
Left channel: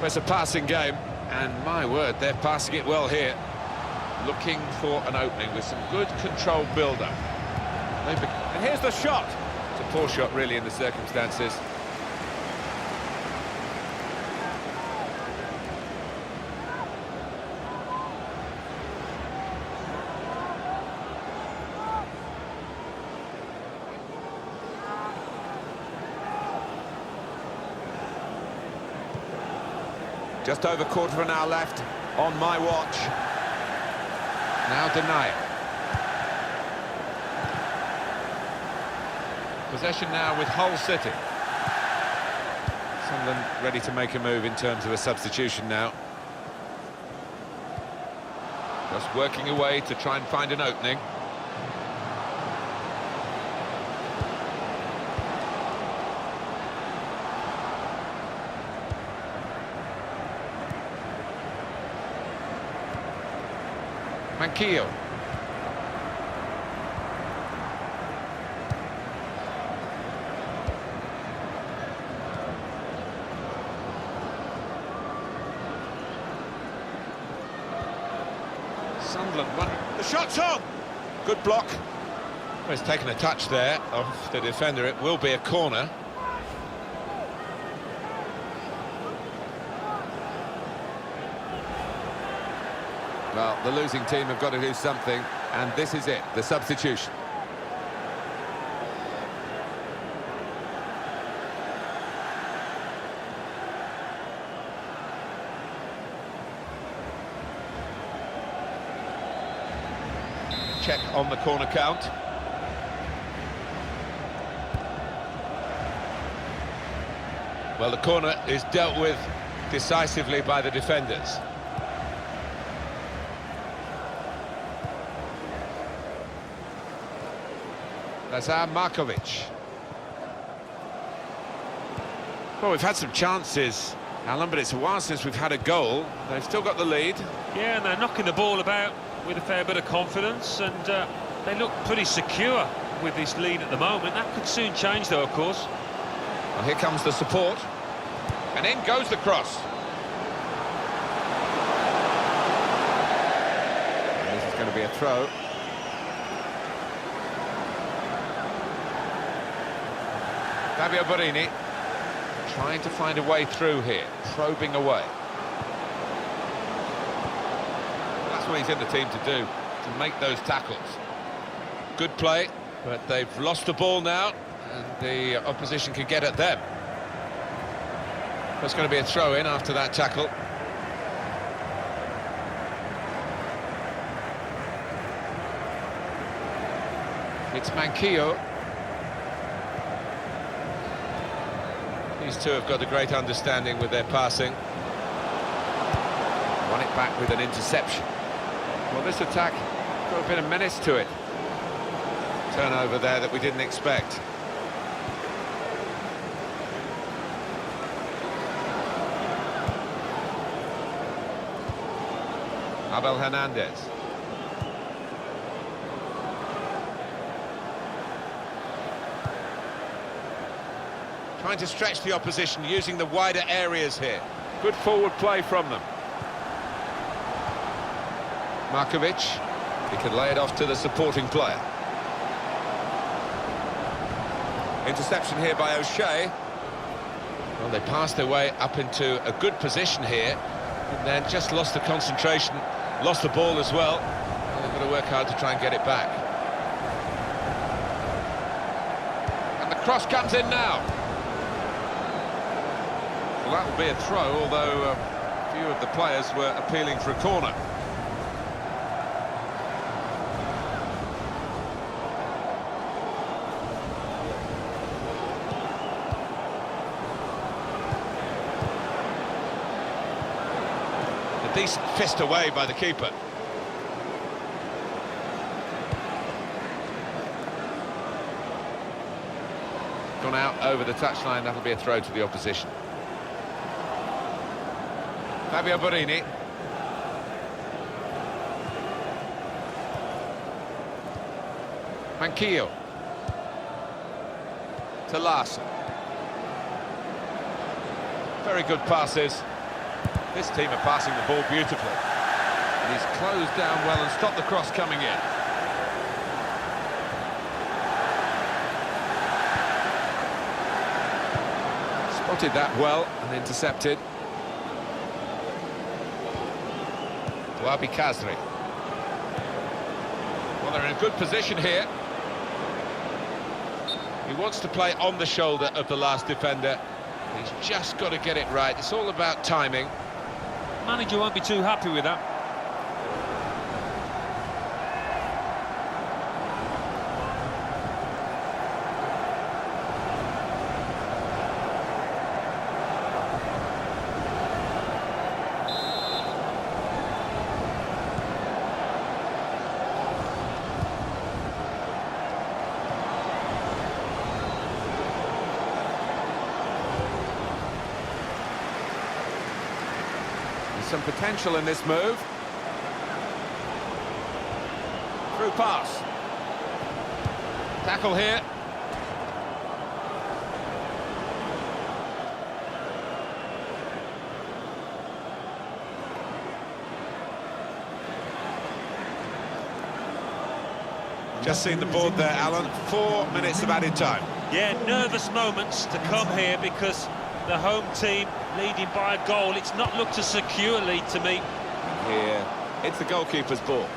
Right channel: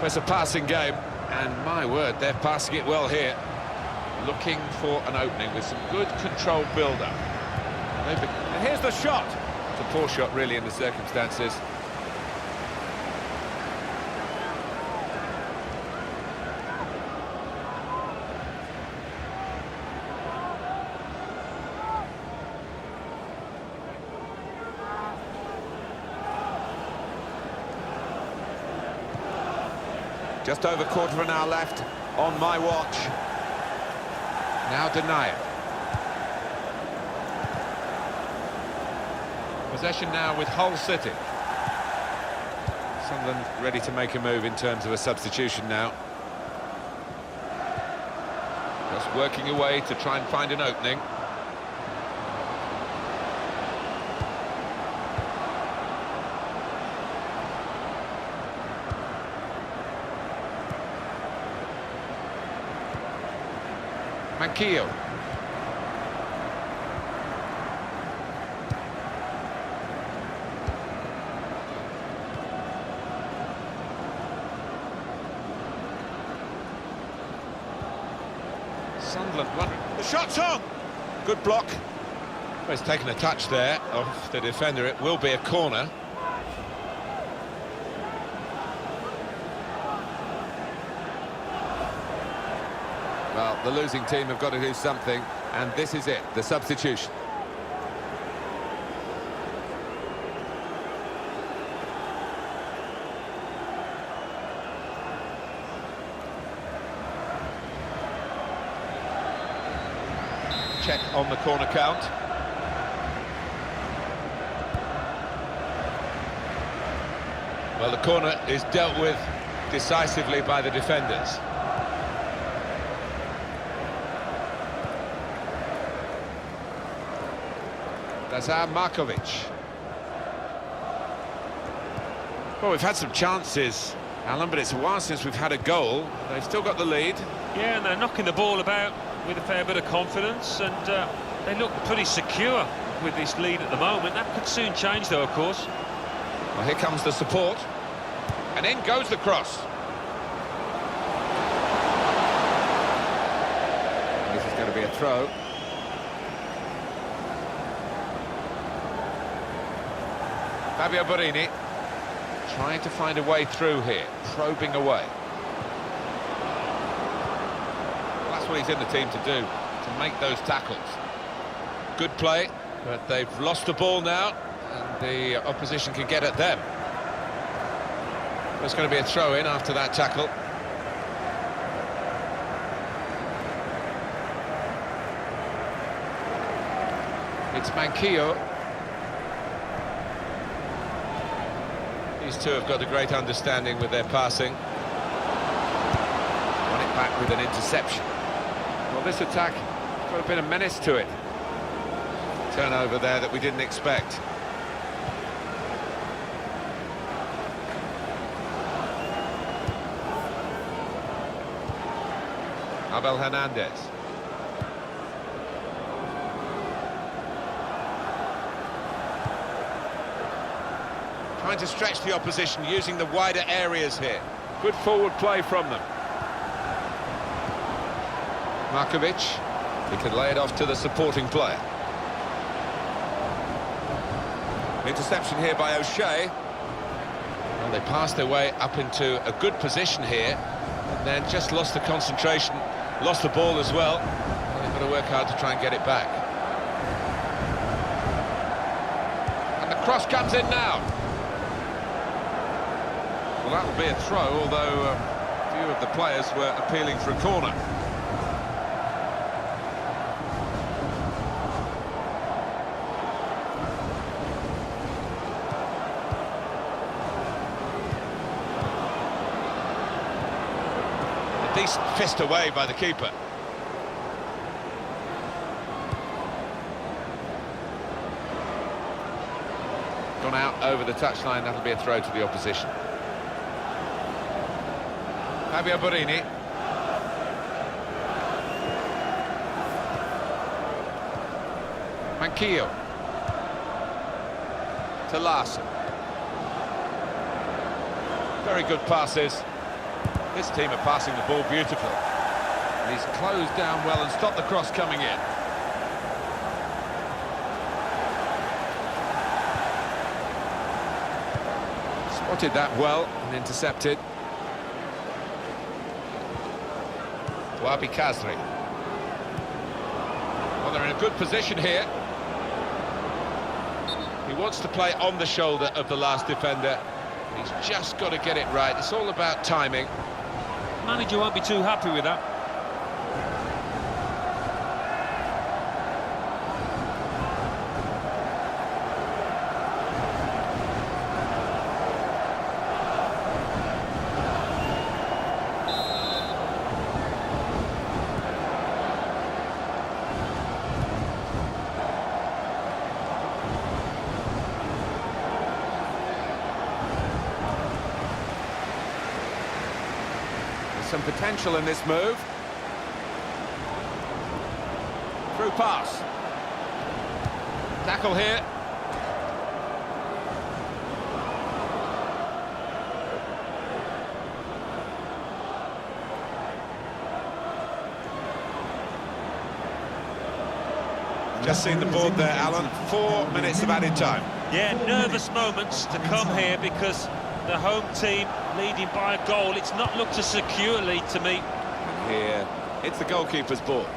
It's a passing game, and my word, they're passing it well here. Looking for an opening with some good controlled build-up. And here's the shot. It's a poor shot, really, in the circumstances. Just over quarter of an hour left on my watch. Now Denier. Possession now with Hull City. Sunderland ready to make a move in terms of a substitution now. Just working away to try and find an opening. Manquillo. Sunderland wondering. The shot's on! Good block. Well, he's taken a touch there off the defender. It will be a corner. Well, the losing team have got to do something, and this is it, the substitution. Check on the corner count. Well, the corner is dealt with decisively by the defenders. That's Markovic. Well, we've had some chances, Alan, but it's a while since we've had a goal. They've still got the lead. Yeah, and they're knocking the ball about with a fair bit of confidence, and they look pretty secure with this lead at the moment. That could soon change, though, of course. Well, here comes the support. And in goes the cross. And this is going to be a throw. Fabio Borini. Trying to find a way through here, probing away. Well, that's what he's in the team to do, to make those tackles. Good play, but they've lost the ball now, and the opposition can get at them. There's going to be a throw-in after that tackle. It's Manquillo. These two have got a great understanding with their passing. Won it back with an interception. Well, this attack has got a bit of menace to it. Turnover there that we didn't expect. Abel Hernandez. Trying to stretch the opposition, using the wider areas here. Good forward play from them. Markovic, he can lay it off to the supporting player. Interception here by O'Shea. Well, they passed their way up into a good position here, and then just lost the concentration, lost the ball as well. And they've got to work hard to try and get it back. And the cross comes in now. Well, that will be a throw, although a few of the players were appealing for a corner. A decent fist away by the keeper. Gone out over the touchline, that'll be a throw to the opposition. Fabio Borini. Manquillo. To Larson. Very good passes. This team are passing the ball beautifully. And he's closed down well and stopped the cross coming in. Spotted that well and intercepted. Wabi Kazri. Well, they're in a good position here. He wants to play on the shoulder of the last defender. He's just got to get it right. It's all about timing. Manager won't be too happy with that. Some potential in this move. Through pass. Tackle here. Just seen the board there, Alan. 4 minutes of added time. Yeah, nervous moments to come here because the home team leading by a goal. It's not looked a secure lead to me. And here, it's the goalkeeper's ball.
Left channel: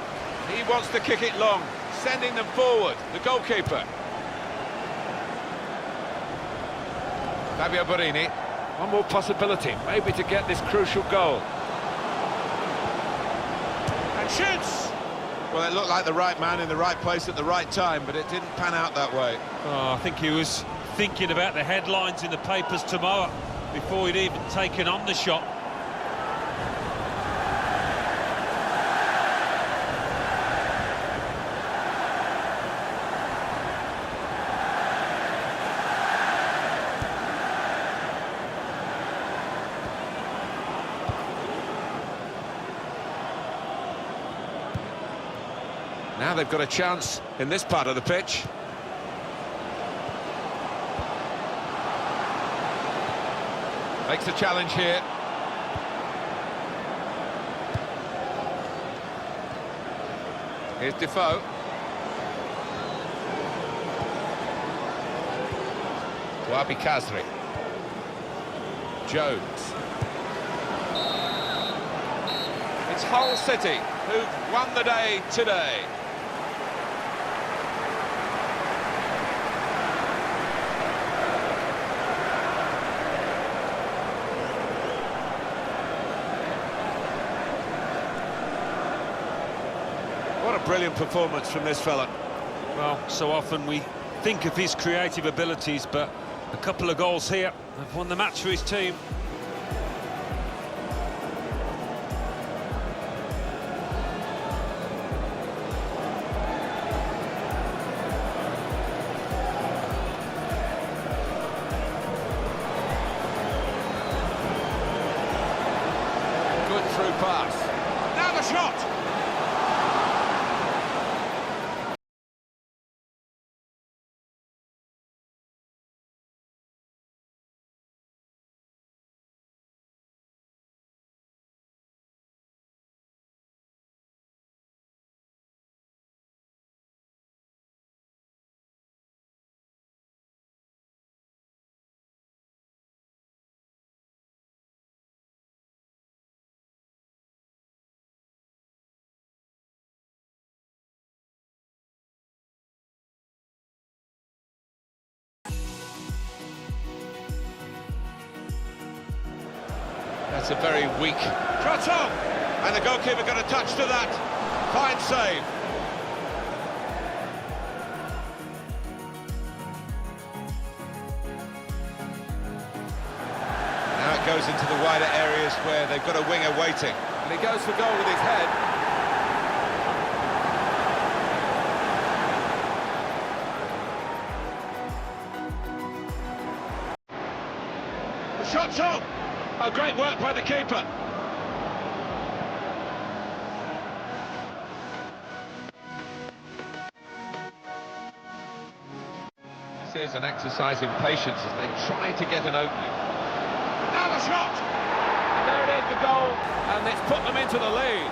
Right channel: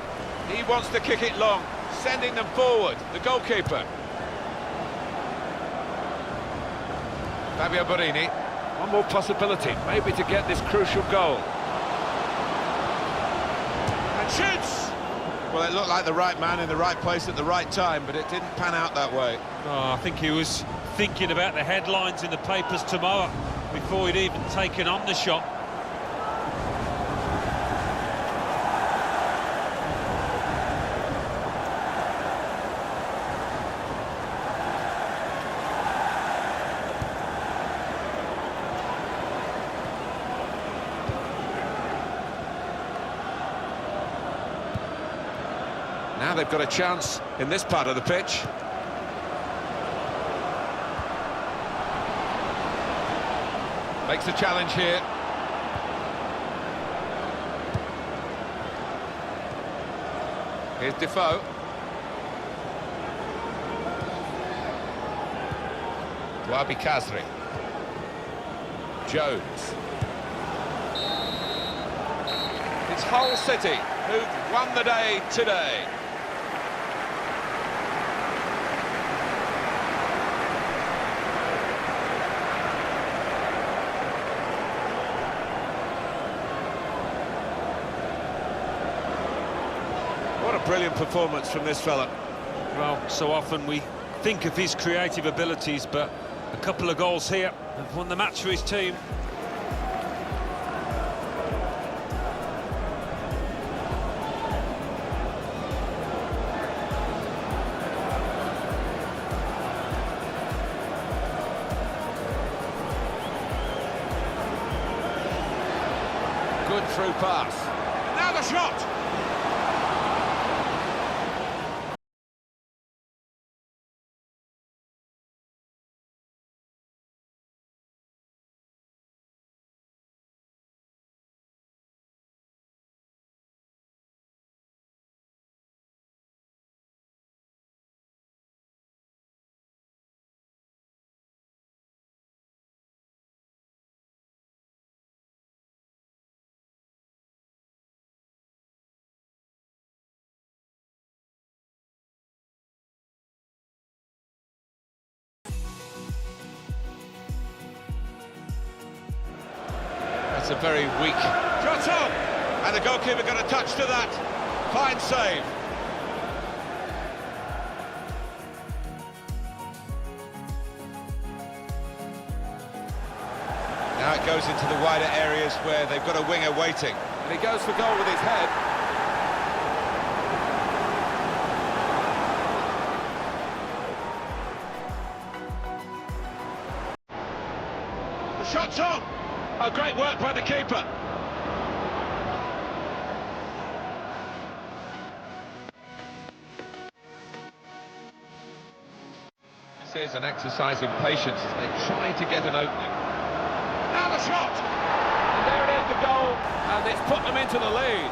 He wants to kick it long, sending them forward, the goalkeeper. Fabio Borini, one more possibility, maybe to get this crucial goal. And shoots! Well, it looked like the right man in the right place at the right time, but it didn't pan out that way. Oh, I think he was thinking about the headlines in the papers tomorrow before he'd even taken on the shot. Now they've got a chance in this part of the pitch. Makes the challenge here. Here's Defoe. Wabi Kazri. Jones. It's Hull City who've won the day today. What a brilliant performance from this fella. Well, so often we think of his creative abilities, but a couple of goals here have won the match for his team. Good through pass. Now the shot! That's a very weak shot on, and the goalkeeper got a touch to that. Fine save. Now it goes into the wider areas where they've got a winger waiting, and he goes for goal with his head. The shot's on. Oh, great work by the keeper. This is an exercise in patience as they try to get an opening. Now the shot! And there it is, the goal, and it's put them into the lead.